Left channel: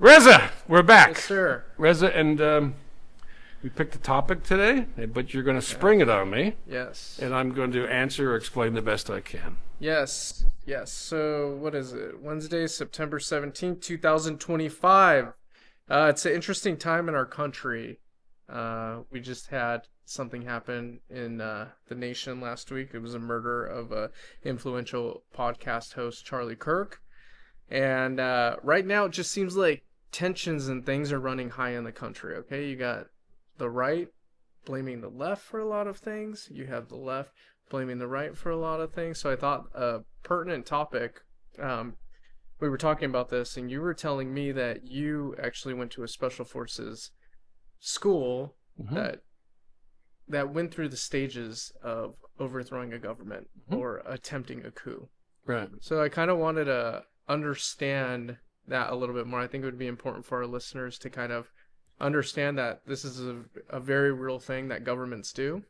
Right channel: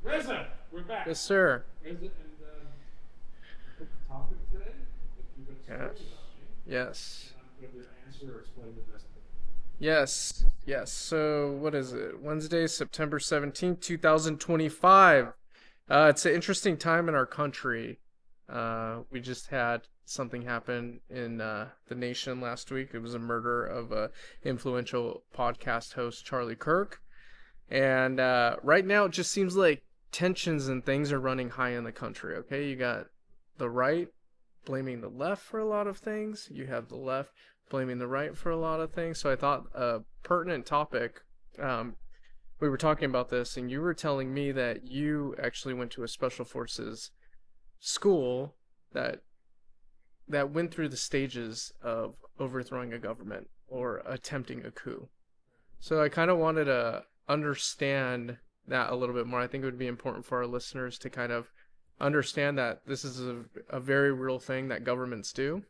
Reza, we're back. Yes, sir. Reza, and we picked a topic today, but you're going to spring it on me. Yes. And I'm going to answer or explain the best I can. Yes. So, what is it? Wednesday, September 17th, 2025. It's an interesting time in our country. We just had something happen in the nation last week. It was a murder of a influential podcast host, Charlie Kirk. And right now, it just seems like tensions and things are running high in the country, okay? You got the right blaming the left for a lot of things. You have the left blaming the right for a lot of things. So I thought a pertinent topic, we were talking about this, and you were telling me that you actually went to a special forces school that went through the stages of overthrowing a government or attempting a coup. Right. So I kind of wanted to understand that a little bit more. I think it would be important for our listeners to kind of understand that this is a very real thing that governments do,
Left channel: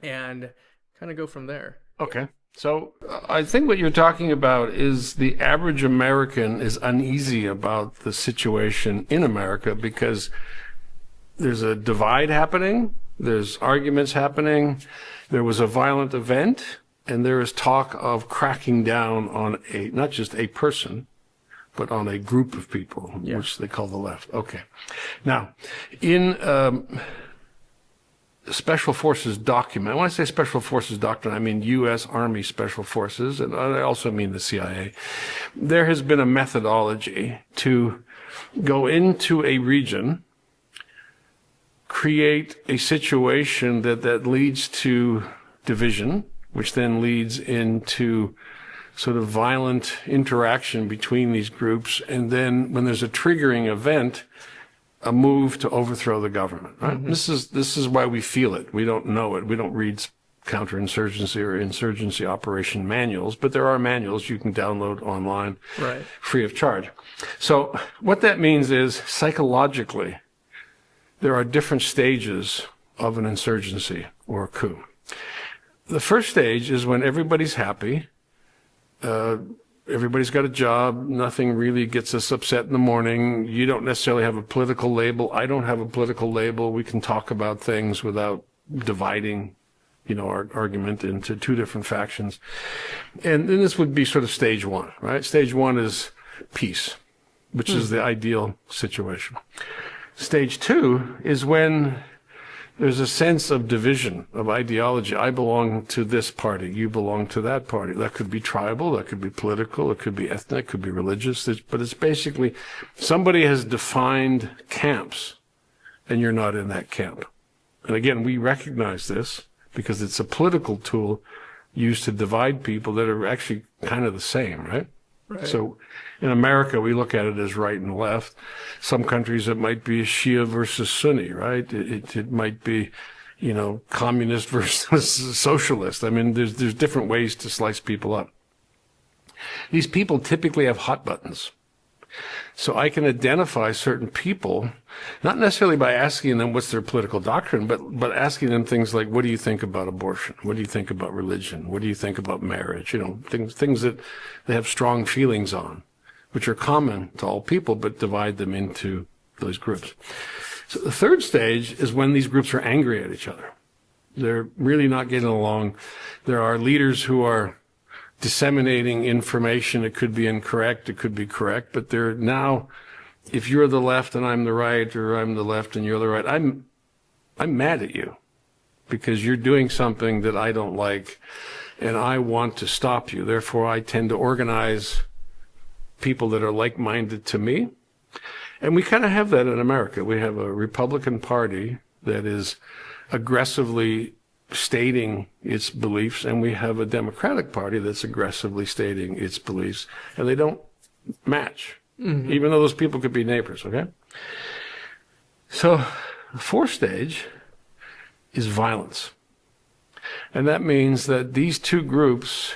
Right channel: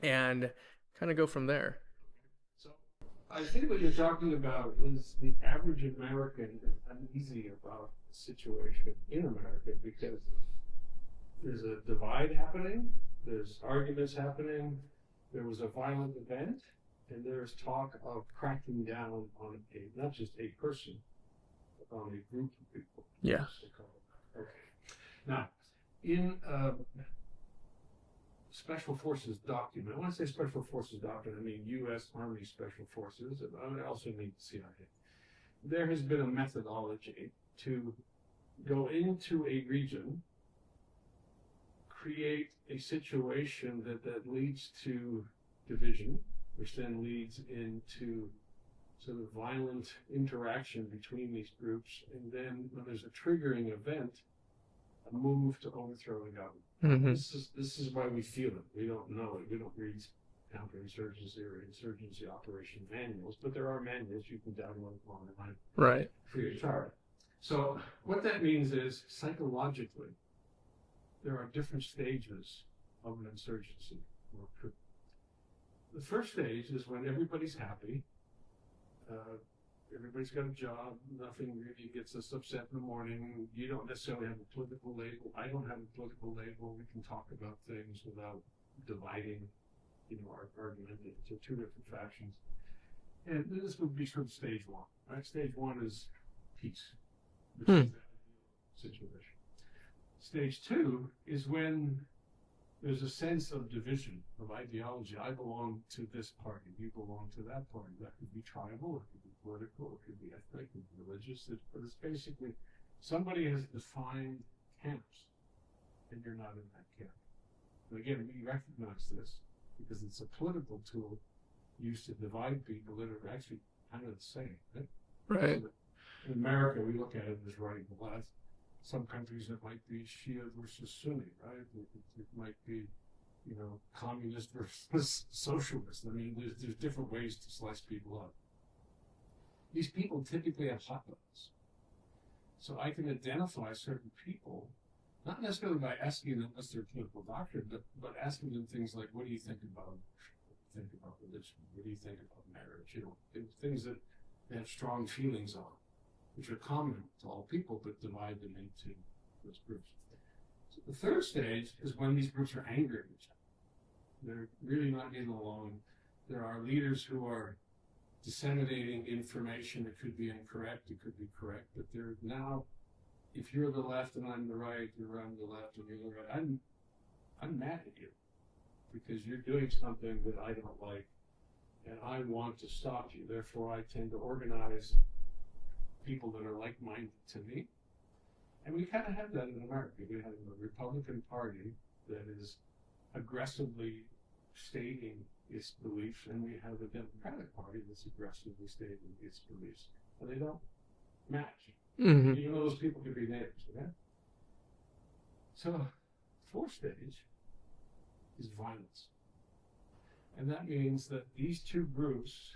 and kind of go from there. Okay. So I think what you're talking about is the average American is uneasy about the situation in America because there's a divide happening, there's arguments happening, there was a violent event, and there is talk of cracking down on not just a person, but on a group of people, which they call the left. Okay. Now, in Special Forces document, when I say Special Forces doctrine, I mean U.S. Army Special Forces, and I also mean the CIA. There has been a methodology to go into a region, create a situation that leads to division, which then leads into sort of violent interaction between these groups, and then when there's a triggering event, a move to overthrow the government. Right? This is why we feel it. We don't know it. We don't read counterinsurgency or insurgency operation manuals, but there are manuals you can download online, right, free of charge. So what that means is psychologically, there are different stages of an insurgency or a coup. The first stage is when everybody's happy. Everybody's got a job. Nothing really gets us upset in the morning. You don't necessarily have a political label. I don't have a political label. We can talk about things without dividing, our argument into two different factions. And then this would be sort of stage one, right? Stage one is peace, which is the ideal situation. Stage two is when there's a sense of division, of ideology. I belong to this party. You belong to that party. That could be tribal. That could be political. It could be ethnic. It could be religious. But it's basically somebody has defined camps, and you're not in that camp. And again, we recognize this because it's a political tool used to divide people that are actually kind of the same, right? Right. So in America, we look at it as right and left. Some countries, it might be Shia versus Sunni, right? It might be, communist versus socialist. I mean, there's different ways to slice people up. These people typically have hot buttons. So I can identify certain people, not necessarily by asking them what's their political doctrine, but asking them things like, what do you think about abortion? What do you think about religion? What do you think about marriage? Things that they have strong feelings on, which are common to all people, but divide them into those groups. So the third stage is when these groups are angry at each other. They're really not getting along. There are leaders who are disseminating information. It could be incorrect, it could be correct, but they're now, if you're the left and I'm the right, or I'm the left and you're the right, I'm mad at you because you're doing something that I don't like and I want to stop you. Therefore, I tend to organize people that are like-minded to me. And we kind of have that in America. We have a Republican Party that is aggressively stating its beliefs, and we have a Democratic Party that's aggressively stating its beliefs, and they don't match, even though those people could be neighbors, okay? So the fourth stage is violence. And that means that these two groups,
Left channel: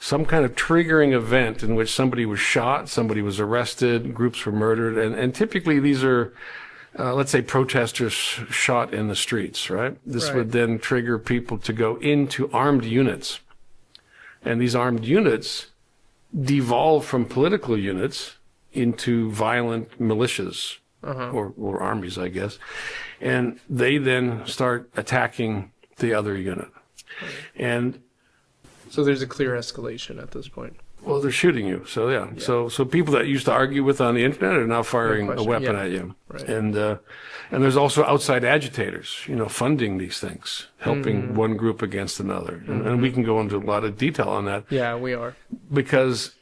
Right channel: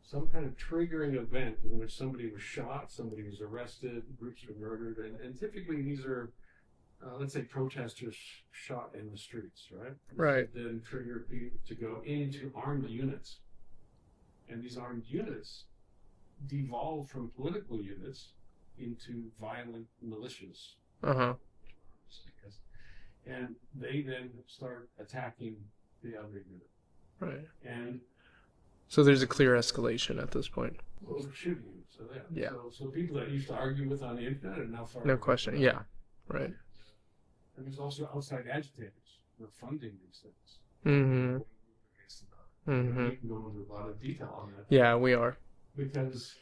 some kind of triggering event in which somebody was shot, somebody was arrested, groups were murdered, and typically these are let's say protesters shot in the streets, right? This would then trigger people to go into armed units. And these armed units devolve from political units into violent militias or armies, I guess. And they then start attacking the other unit. Right. And so there's a clear escalation at this point. Well, they're shooting you. So, yeah. So people that used to argue with on the internet are now firing a weapon at you. Right. And there's also outside agitators, funding these things, helping one group against another. And we can go into a lot of detail on that. Yeah, we are. Because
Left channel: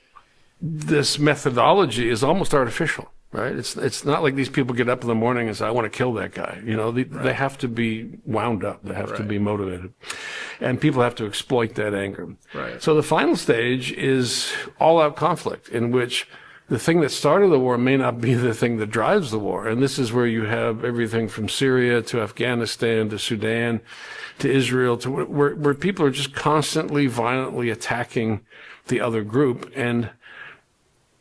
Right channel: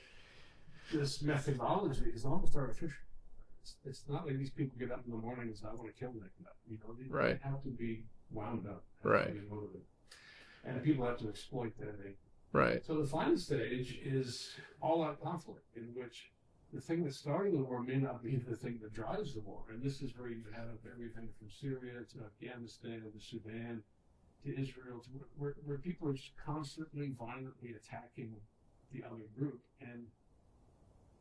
this methodology is almost artificial, right? It's not like these people get up in the morning and say, I want to kill that guy. They have to be wound up. They have to be motivated. And people have to exploit that anger. Right. So the final stage is all-out conflict, in which the thing that started the war may not be the thing that drives the war. And this is where you have everything from Syria to Afghanistan to Sudan to Israel, to where people are just constantly violently attacking the other group. And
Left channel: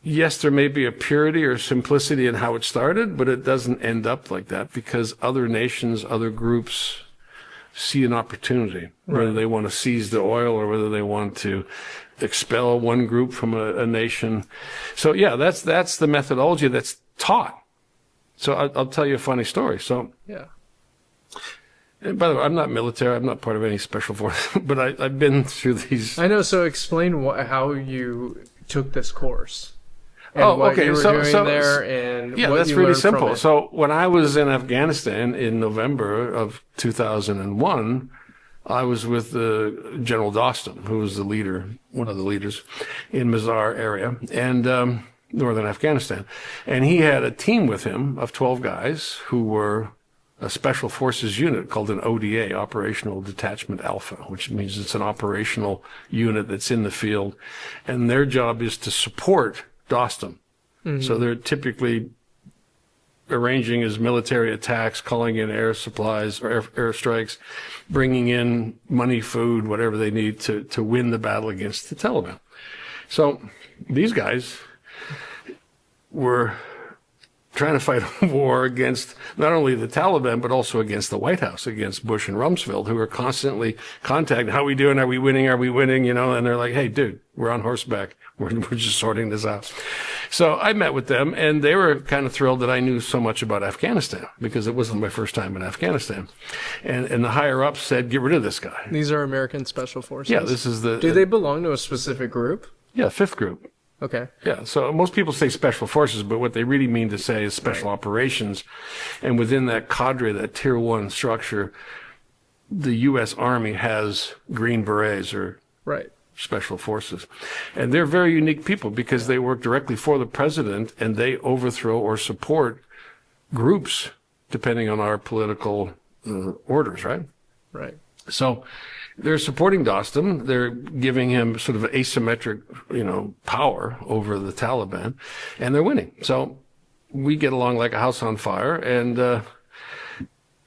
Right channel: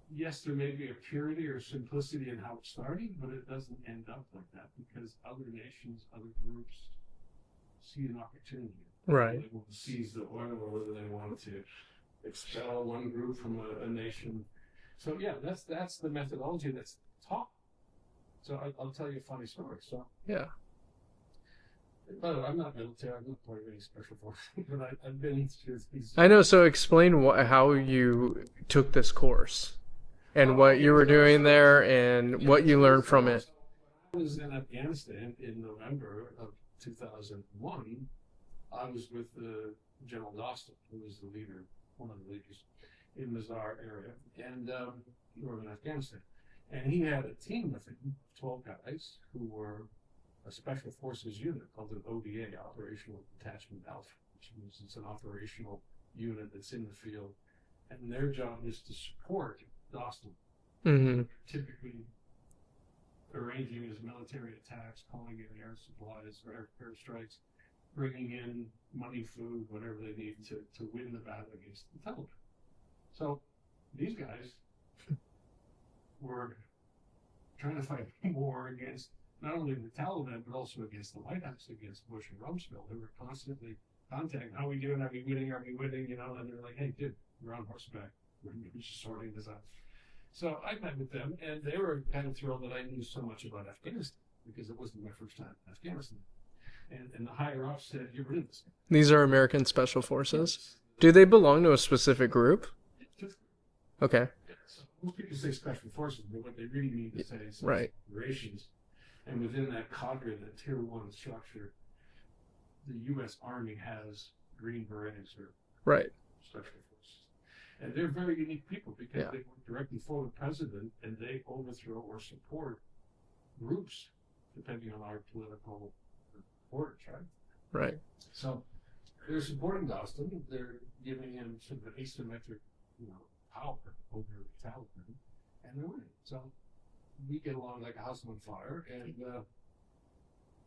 yes, there may be a purity or simplicity in how it started, but it doesn't end up like that, because other nations, other groups see an opportunity, whether they want to seize the oil or whether they want to expel one group from a nation. So yeah, that's the methodology that's taught. So I'll tell you a funny story. So yeah. And by the way, I'm not military. I'm not part of any special force, but I've been through these. I know. So explain how you took this course. And what you were doing there, and what you learned from it. So when I was in Afghanistan in November of 2001, I was with General Dostum, who was the leader, one of the leaders in Mazar area, and northern Afghanistan. And he had a team with him of 12 guys who were a special forces unit called an ODA, Operational Detachment Alpha, which means it's an operational unit that's in the field. And their job is to support Dostum. So they're typically arranging his military attacks, calling in air supplies or air strikes, bringing in money, food, whatever they need to win the battle against the Taliban. So these guys were trying to fight a war against not only the Taliban, but also against the White House, against Bush and Rumsfeld, who are constantly contacting, how are we doing? Are we winning? Are we winning? And they're like, hey, dude, we're on horseback. We're just sorting this out. So I met with them, and they were kind of thrilled that I knew so much about Afghanistan, because it wasn't my first time in Afghanistan. And the higher-ups said, get rid of this guy. These are American Special Forces? Yeah, this is Do they belong to a specific group? Yeah, 5th group. Okay. Yeah, so most people say special forces, but what they really mean to say is special operations. And within that cadre, that tier 1 structure, the U.S. Army has Green Berets or special forces. And they're very unique people, because they work directly for the president, and they overthrow or support groups depending on our political orders, right? Right. So they're supporting Dostum. They're giving him sort of asymmetric, power over the Taliban, and they're winning. So we get along like a house on fire. And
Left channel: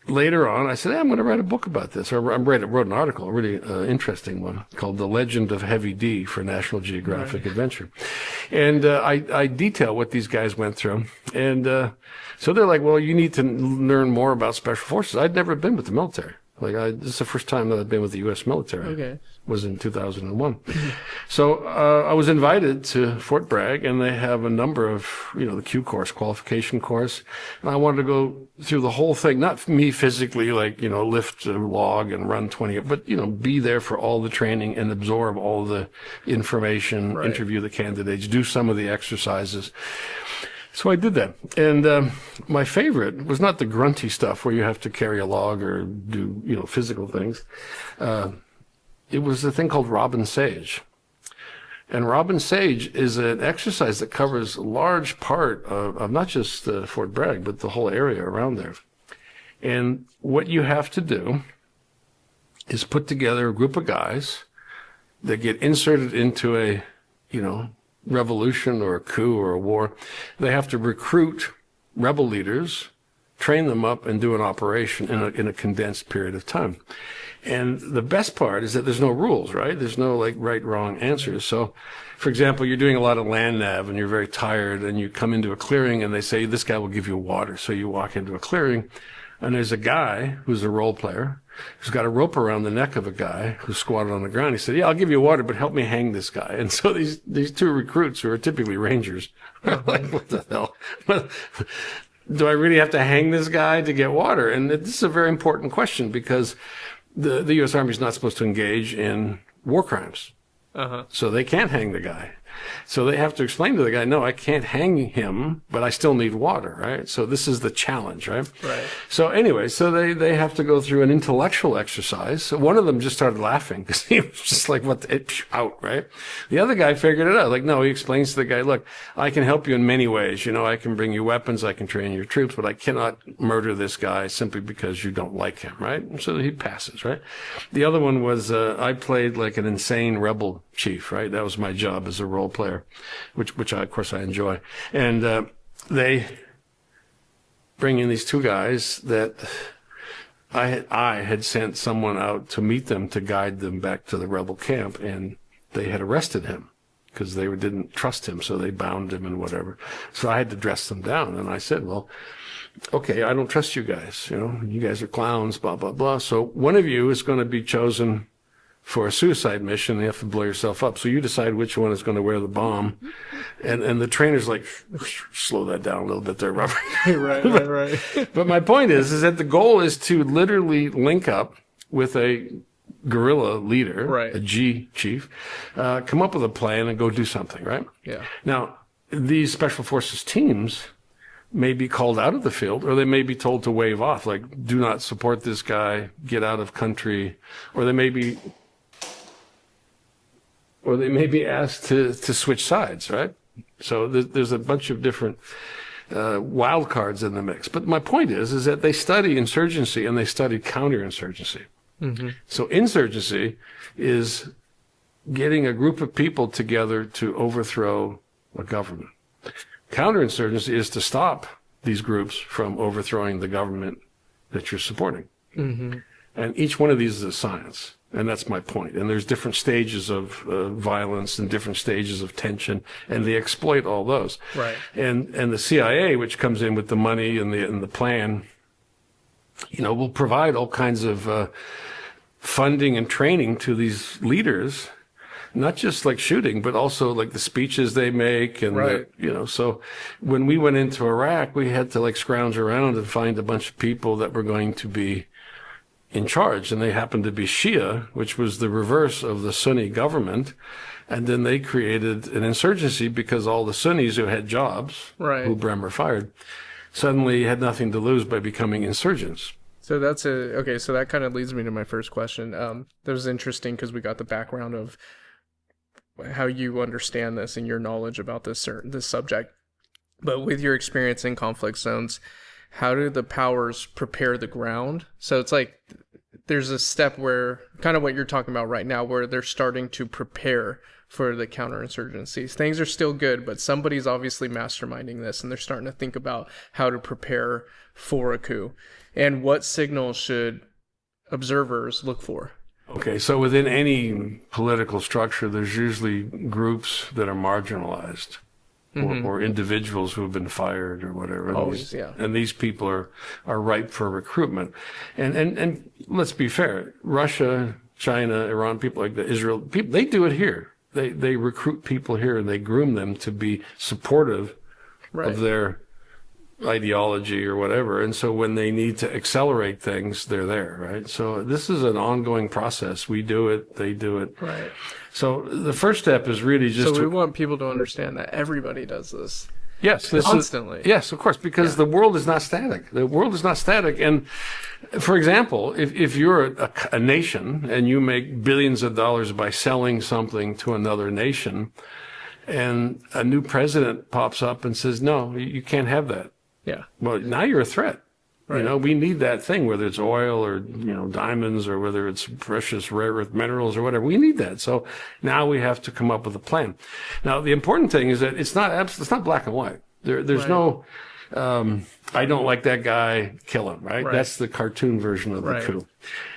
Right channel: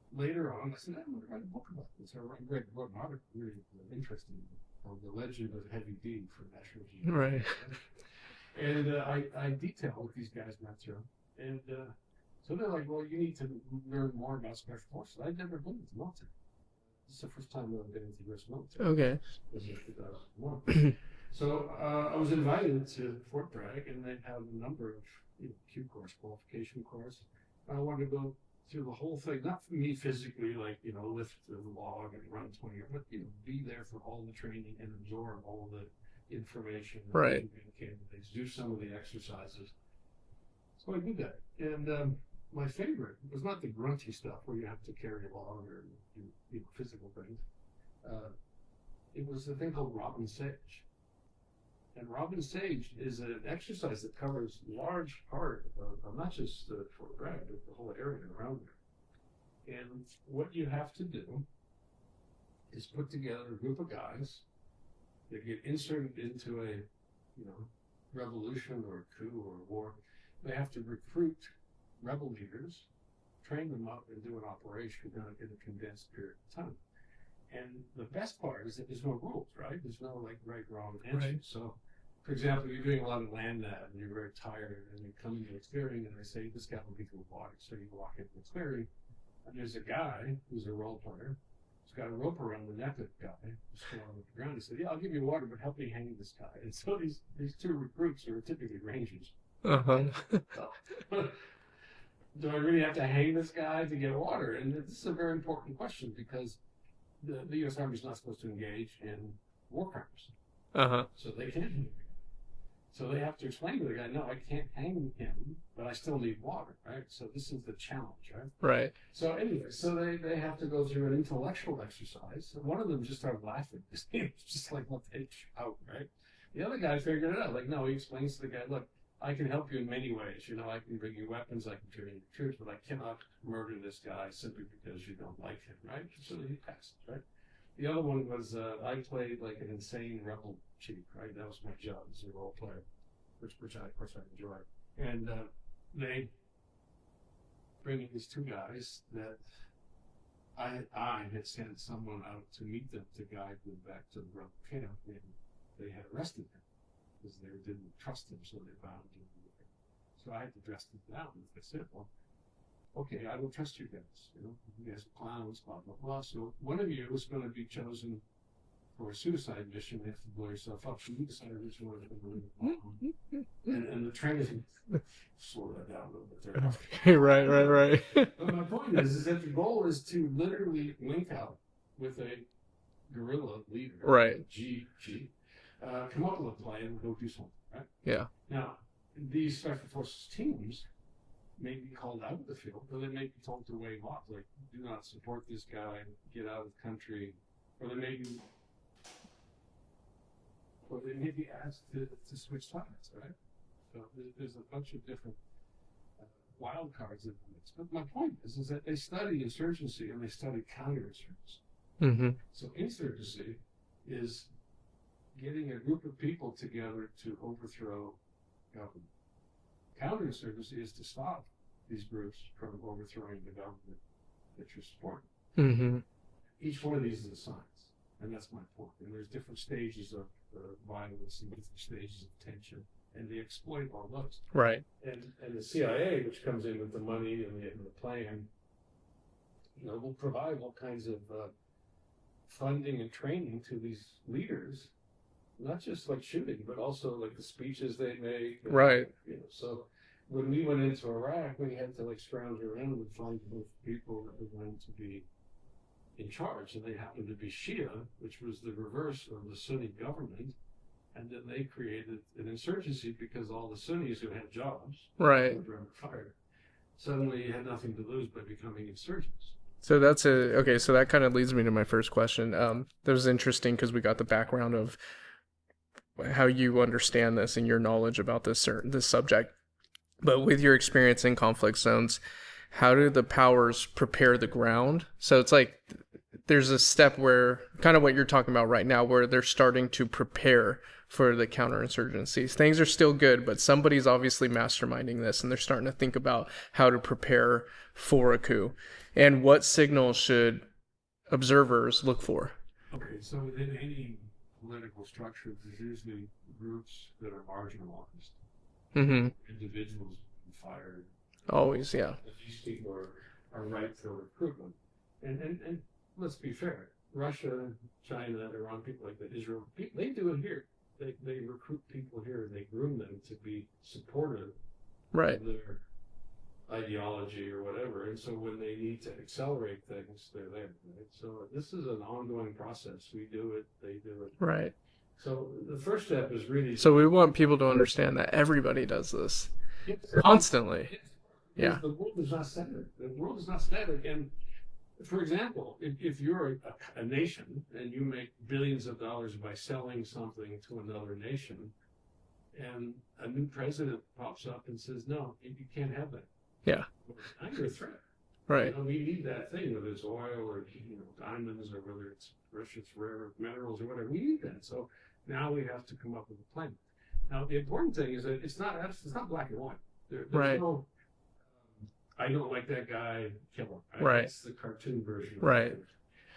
later on, I said, hey, I'm going to write a book about this. Or I wrote an article, a really interesting one, called The Legend of Heavy D for National Geographic Adventure. And I detail what these guys went through. And so they're like, well, you need to learn more about special forces. I'd never been with the military. This is the first time that I've been with the U.S. military. Okay. Was in 2001. So I was invited to Fort Bragg, and they have a number of, the Q course, qualification course. And I wanted to go through the whole thing, not me physically, lift a log and run 20, but, be there for all the training and absorb all the information, interview the candidates, do some of the exercises. So I did that. And my favorite was not the grunty stuff where you have to carry a log or do, physical things. It was a thing called Robin Sage. And Robin Sage is an exercise that covers a large part of not just Fort Bragg, but the whole area around there. And what you have to do is put together a group of guys that get inserted into a, revolution or a coup or a war. They have to recruit rebel leaders, train them up, and do an operation in a condensed period of time. And the best part is that there's no rules, right? There's no right, wrong answers. So, for example, you're doing a lot of land nav and you're very tired, and you come into a clearing and they say, this guy will give you water. So you walk into a clearing, and there's a guy who's a role player who's got a rope around the neck of a guy who's squatted on the ground. He said, "Yeah, I'll give you water, but help me hang this guy." And so these two recruits, who are typically Rangers, are like, what the hell? Do I really have to hang this guy to get water? And this is a very important question, because the U.S. Army is not supposed to engage in war crimes. So they can't hang the guy. So they have to explain to the guy, no, I can't hang him, but I still need water, right? So this is the challenge, right? Right. So anyway, so they have to go through an intellectual exercise. So one of them just started laughing because he was just like, what the, out, right? The other guy figured it out. Like, no, he explains to the guy, look, I can help you in many ways. You know, I can bring you weapons, I can train your troops, but I cannot murder this guy simply because you don't like him, right? And so he passes, right? The other one was, I played like an insane rebel chief, right? That was my job as a role player, which of course I enjoy. And they bring in these two guys that I had sent someone out to meet them, to guide them back to the rebel camp, and they had arrested him because they didn't trust him, so they bound him and whatever. So I had to dress them down, and I said, well, okay, I don't trust you guys. You know, you guys are clowns, blah, blah, blah. So one of you is going to be chosen for a suicide mission. You have to blow yourself up. So you decide which one is going to wear the bomb. And the trainer's like, slow that down a little bit there, Robert. Right. But my point is that the goal is to literally link up with a guerrilla leader, right, a G chief, come up with a plan and go do something, right? Yeah. Now, these special forces teams may be called out of the field, or they may be told to wave off, like, do not support this guy, get out of country, or they may be asked to switch sides, right? So there's a bunch of different wild cards in the mix. But my point is that they study insurgency and they study counterinsurgency. Mm-hmm. So insurgency is getting a group of people together to overthrow a government. Counterinsurgency is to stop these groups from overthrowing the government that you're supporting. Mm-hmm. And each one of these is a science. And that's my point. And there's different stages of violence and different stages of tension, and they exploit all those. Right. And the CIA, which comes in with the money and the plan, you know, will provide all kinds of funding and training to these leaders, not just like shooting, but also like the speeches they make. And, right. You know, so when we went into Iraq, we had to like scrounge around and find a bunch of people that were going to be in charge, and they happened to be Shia, which was the reverse of the Sunni government. And then they created an insurgency because all the Sunnis who had jobs, right, who Bremer fired, suddenly had nothing to lose by becoming insurgents. So that's okay. So that kind of leads me to my first question. That was interesting because we got the background of how you understand this and your knowledge about this subject. But with your experience in conflict zones, how do the powers prepare the ground? So it's like there's a step where, kind of what you're talking about right now, where they're starting to prepare for the counterinsurgencies. Things are still good, but somebody's obviously masterminding this, and they're starting to think about how to prepare for a coup. And what signals should observers look for? Okay, so within any political structure, there's usually groups that are marginalized. Mm-hmm. Or individuals who have been fired or whatever. Always, yeah. And these people are ripe for recruitment. And let's be fair, Russia, China, Iran, people like that, Israel, people, they do it here. They recruit people here and they groom them to be supportive, right, of their ideology or whatever. And so when they need to accelerate things, they're there, right? So this is an ongoing process. We do it, they do it. Right. So the first step is really just we want people to understand that everybody does this. Yes. Constantly. Yes, of course, because the world is not static. The world is not static. And for example, if you're a nation and you make billions of dollars by selling something to another nation, and a new president pops up and says, no, you can't have that. Yeah. Well, now you're a threat. Right. You know, we need that thing, whether it's oil or, you know, diamonds, or whether it's precious rare earth minerals or whatever. We need that. So now we have to come up with a plan. Now, the important thing is that it's not black and white. There's right. no, I don't like that guy, kill him, right? That's the cartoon version of the coup.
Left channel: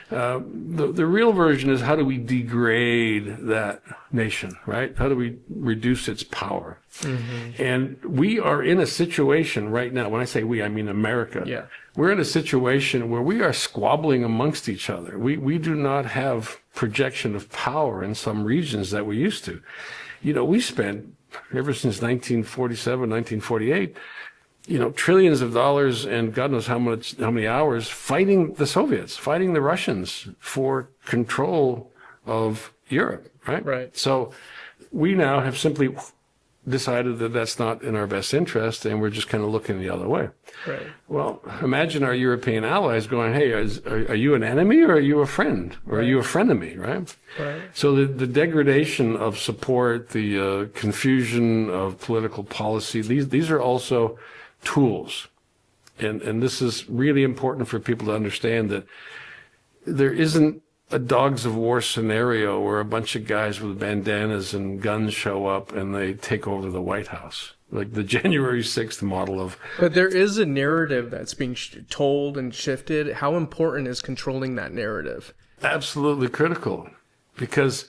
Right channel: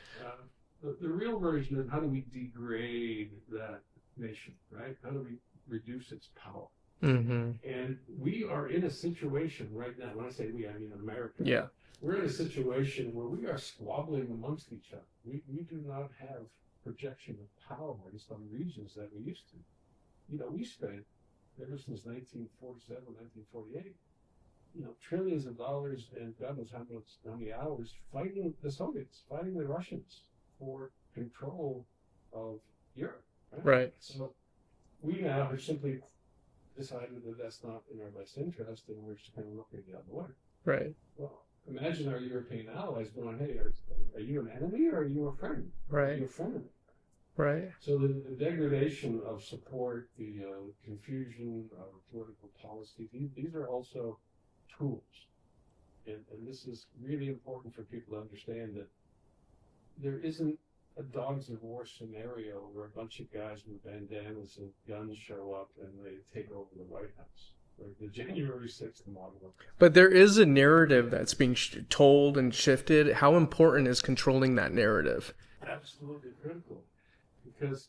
The real version is how do we degrade that nation, right? How do we reduce its power? Mm-hmm. And we are in a situation right now. When I say we, I mean America. Yeah. We're in a situation where we are squabbling amongst each other. We do not have projection of power in some regions that we used to. We spent, ever since 1947, 1948, trillions of dollars and God knows how many hours fighting the Soviets, fighting the Russians for control of Europe, right? Right. So we now have simply decided that that's not in our best interest, and we're just kind of looking the other way. Right. Well, imagine our European allies going, hey, are you an enemy or are you a friend? Or Right. are you a frenemy, right? Right. So the degradation of support, the confusion of political policy, these are also tools. And this is really important for people to understand that there isn't a dogs of war scenario where a bunch of guys with bandanas and guns show up and they take over the White House. Like the January 6th model of... But there is a narrative that's being told and shifted. How important is controlling that narrative? Absolutely critical. Because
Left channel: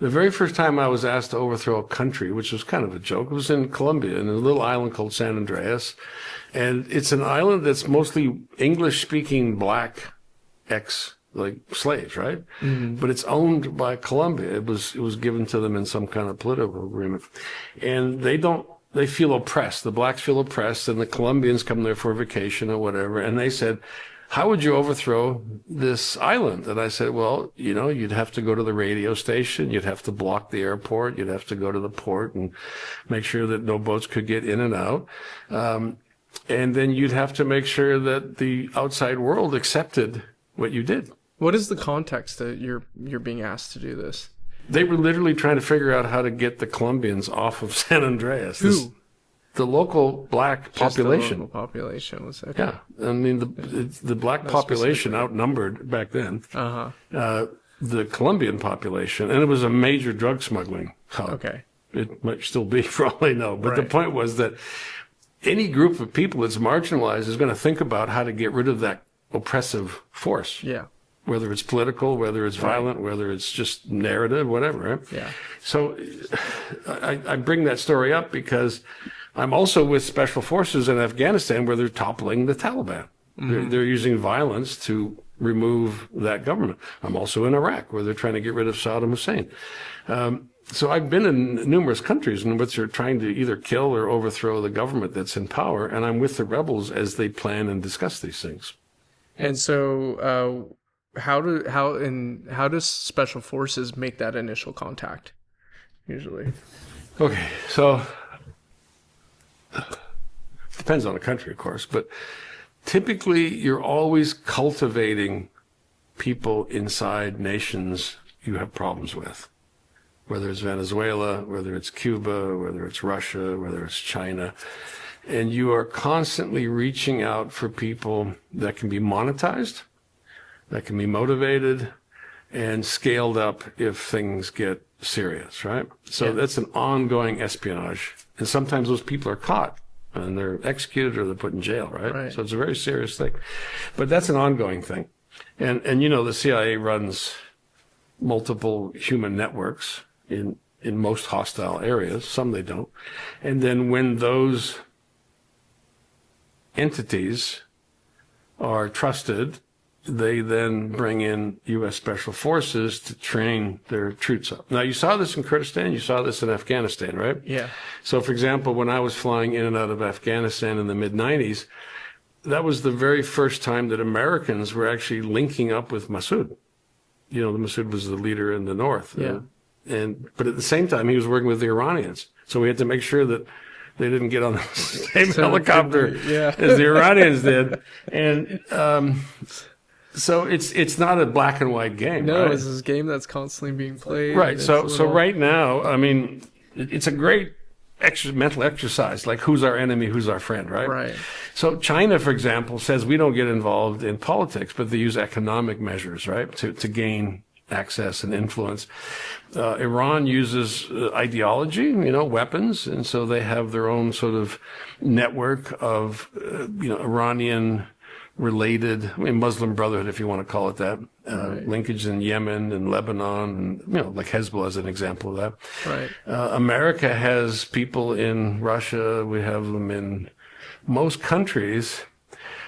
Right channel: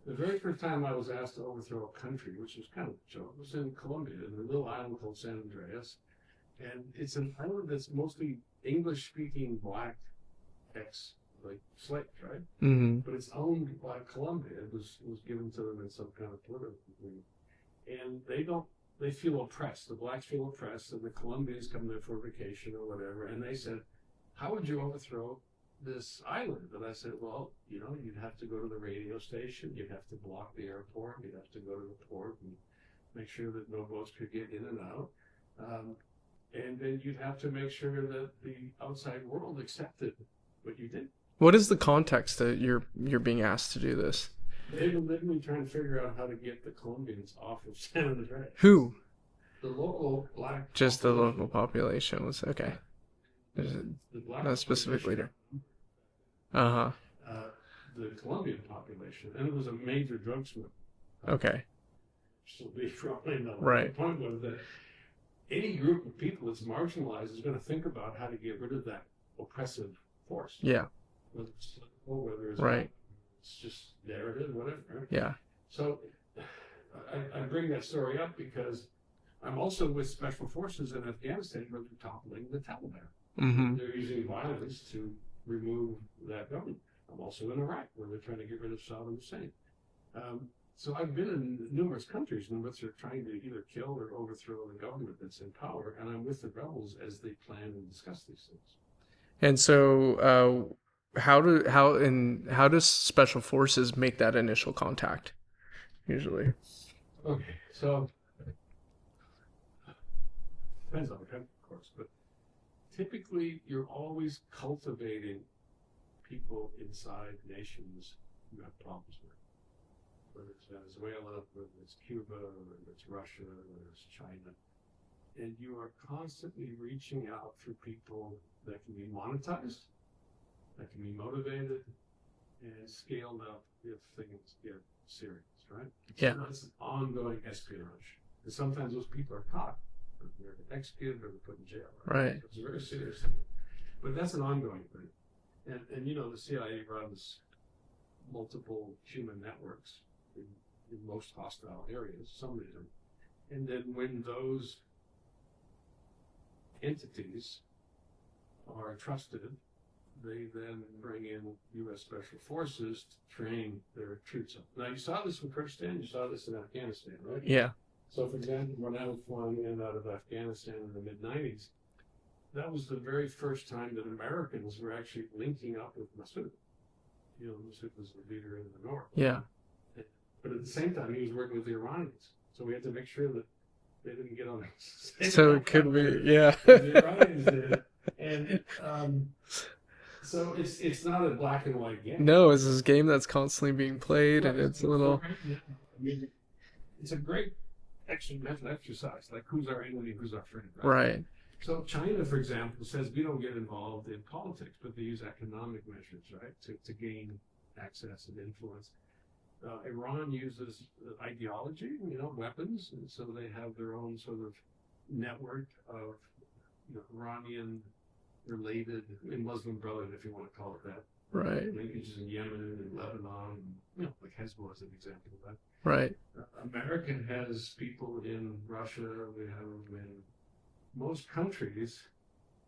the very first time I was asked to overthrow a country, which was kind of a joke, it was in Colombia, in a little island called San Andreas. And it's an island that's mostly English-speaking black slaves, right? Mm-hmm. But it's owned by Colombia. It was given to them in some kind of political agreement. And they feel oppressed. The blacks feel oppressed, and the Colombians come there for vacation or whatever. And they said, how would you overthrow this island? And I said, well, you'd have to go to the radio station. You'd have to block the airport. You'd have to go to the port and make sure that no boats could get in and out. And then you'd have to make sure that the outside world accepted what you did. What is the context that you're being asked to do this? They were literally trying to figure out how to get the Colombians off of San Andreas. Who? The local black Just population. the local population was okay. Yeah, I mean the black population outnumbered back then. The Colombian population, and it was a major drug smuggling hub. Okay. It might still be, for all I know. But Right. the point was that any group of people that's marginalized is going to think about how to get rid of that oppressive force. Yeah. Whether it's political, whether it's violent, whether it's just narrative, whatever. Right? Yeah. So I bring that story up because I'm also with special forces in Afghanistan where they're toppling the Taliban. Mm-hmm. They're using violence to remove that government. I'm also in Iraq where they're trying to get rid of Saddam Hussein. So I've been in numerous countries in which they're trying to either kill or overthrow the government that's in power, and I'm with the rebels as they plan and discuss these things. And so, how does special forces make that initial contact? Usually. Okay, so depends on the country, of course, but typically you're always cultivating people inside nations you have problems with. Whether it's Venezuela, whether it's Cuba, whether it's Russia, whether it's China. And you are constantly reaching out for people that can be monetized, that can be motivated, and scaled up if things get serious, right? So that's an ongoing espionage. And sometimes those people are caught and they're executed or they're put in jail, right? So it's a very serious thing. But that's an ongoing thing. And the CIA runs multiple human networks in most hostile areas. Some they don't. And then when those entities are trusted, they then bring in U.S. Special Forces to train their troops up. Now, you saw this in Kurdistan, you saw this in Afghanistan, right? Yeah. So, for example, when I was flying in and out of Afghanistan in the mid-90s, that was the very first time that Americans were actually linking up with Massoud. The Massoud was the leader in the north. Yeah. But at the same time, he was working with the Iranians. So we had to make sure that they didn't get on the same helicopter as the Iranians did. And so it's not a black and white game. No, right? It's this game that's constantly being played. Right. So right now, I mean, it's a great mental exercise, like who's our enemy, who's our friend, right? Right. So China, for example, says we don't get involved in politics, but they use economic measures, right, to gain access and influence. Iran uses ideology, weapons, and so they have their own sort of network of, Iranian-related, Muslim Brotherhood, if you want to call it that, Right. linkage in Yemen and Lebanon, and like Hezbollah is an example of that. Right. America has people in Russia. We have them in most countries,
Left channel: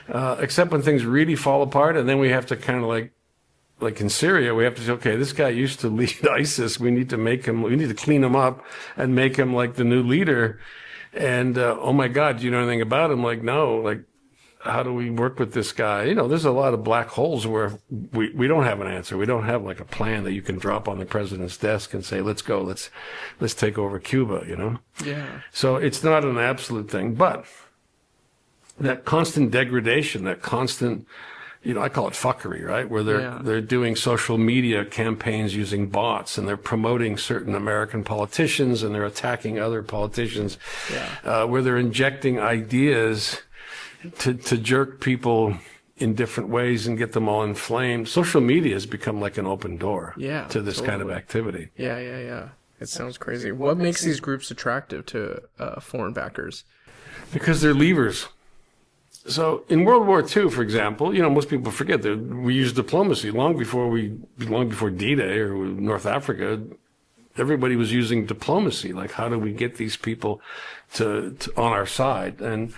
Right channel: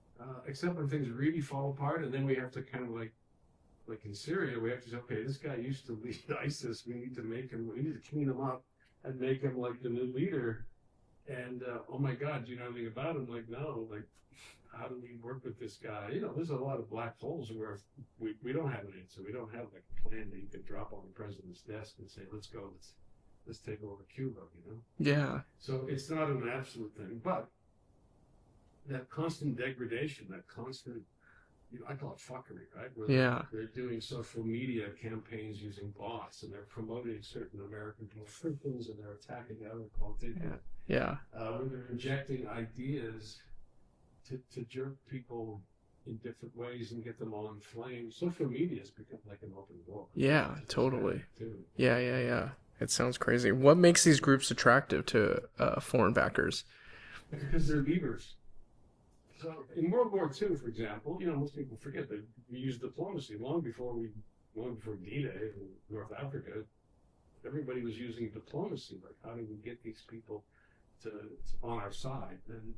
except when things really fall apart, and then we have to kind of like in Syria, we have to say, okay, this guy used to lead ISIS. We need to clean him up and make him like the new leader. And oh my God, do you know anything about him? Like, no, like, how do we work with this guy? There's a lot of black holes where we don't have an answer. We don't have like a plan that you can drop on the president's desk and say, let's go, let's take over Cuba, Yeah. So it's not an absolute thing, but that constant degradation, that constant, I call it fuckery, right? Where they're doing social media campaigns using bots, and they're promoting certain American politicians, and they're attacking other politicians. Yeah. Where they're injecting ideas to jerk people in different ways and get them all inflamed. Social media has become like an open door to this kind of activity. Yeah. It sounds crazy. What makes these groups attractive to foreign backers? Because they're levers. So in World War II, for example, most people forget that we used diplomacy long before D-Day or North Africa. Everybody was using diplomacy. Like, how do we get these people to on our side? And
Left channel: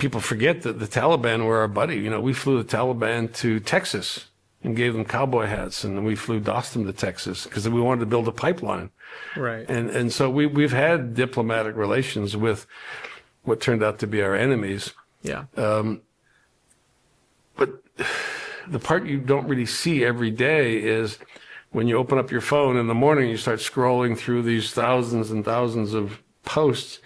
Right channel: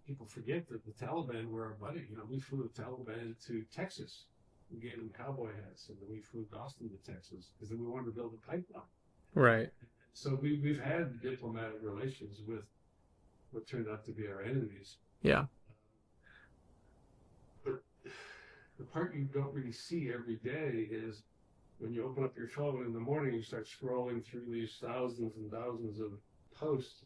people forget that the Taliban were our buddy. We flew the Taliban to Texas and gave them cowboy hats, and then we dossed them to Texas because we wanted to build a pipeline. Right. And so we've had diplomatic relations with what turned out to be our enemies. Yeah. But the part you don't really see every day is when you open up your phone in the morning, you start scrolling through these thousands and thousands of posts.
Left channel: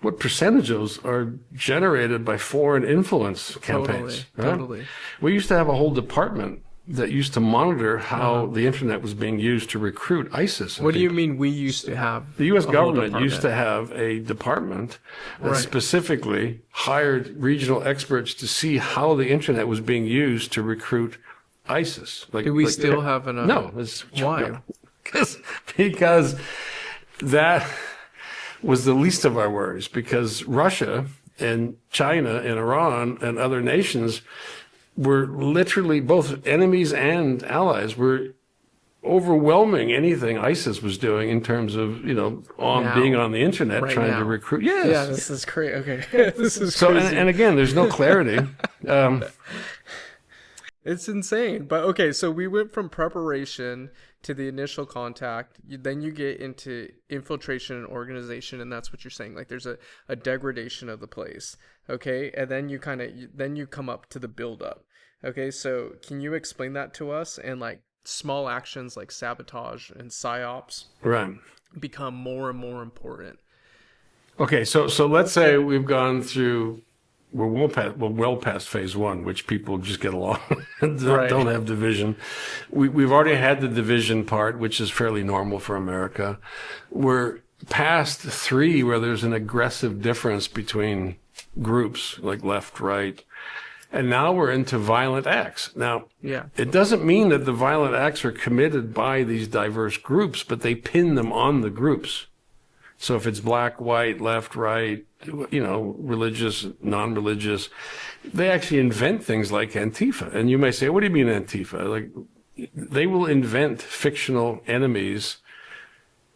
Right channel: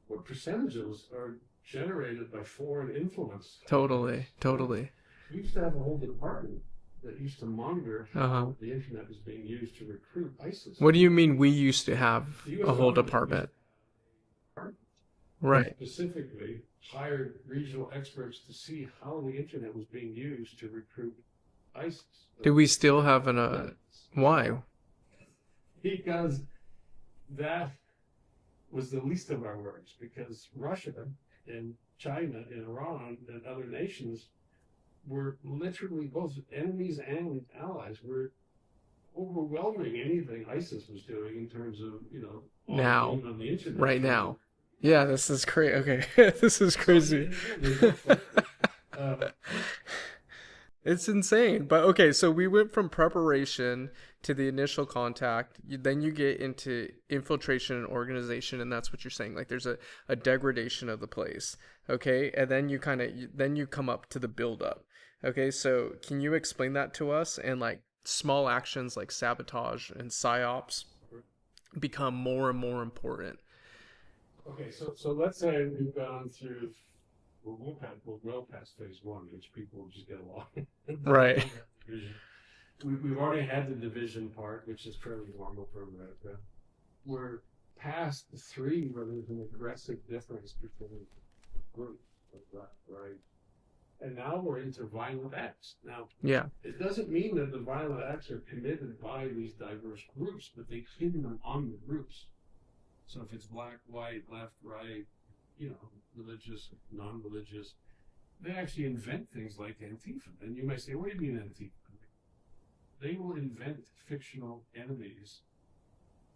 What percentages are generated by foreign influence campaigns? Totally. We used to have a whole department that used to monitor how the internet was being used to recruit ISIS. What do you mean we used to have? The U.S. government used to have a department that specifically hired regional experts to see how the internet was being used to recruit ISIS. Do we still have an? No. Why? Because that was the least of our worries, because Russia and China and Iran and other nations were literally both enemies and allies, were overwhelming anything ISIS was doing in terms of, being on the internet, trying to recruit. Yes. Yeah, this is crazy. Okay. This is crazy. And again, there's no clarity. It's insane. But okay, so we went from preparation to the initial contact. Then you get into infiltration and organization, and that's what you're saying. Like, there's a degradation of the place. Okay, and then you come up to the build up. Okay, so can you explain that to us? And like small actions like sabotage and psyops become more and more important. Okay, so let's say we've gone through. We're well past phase one, which people just get along and don't have division. We've already had the division part, which is fairly normal for America. We're past 3, where there's an aggressive difference between groups, like left, right. And now we're into violent acts. Now, it doesn't mean that the violent acts are committed by these diverse groups, but they pin them on the groups. So if it's black, white, left, right, religious, non-religious, they actually invent things like Antifa. And you may say, what do you mean Antifa? Like, they will invent fictional enemies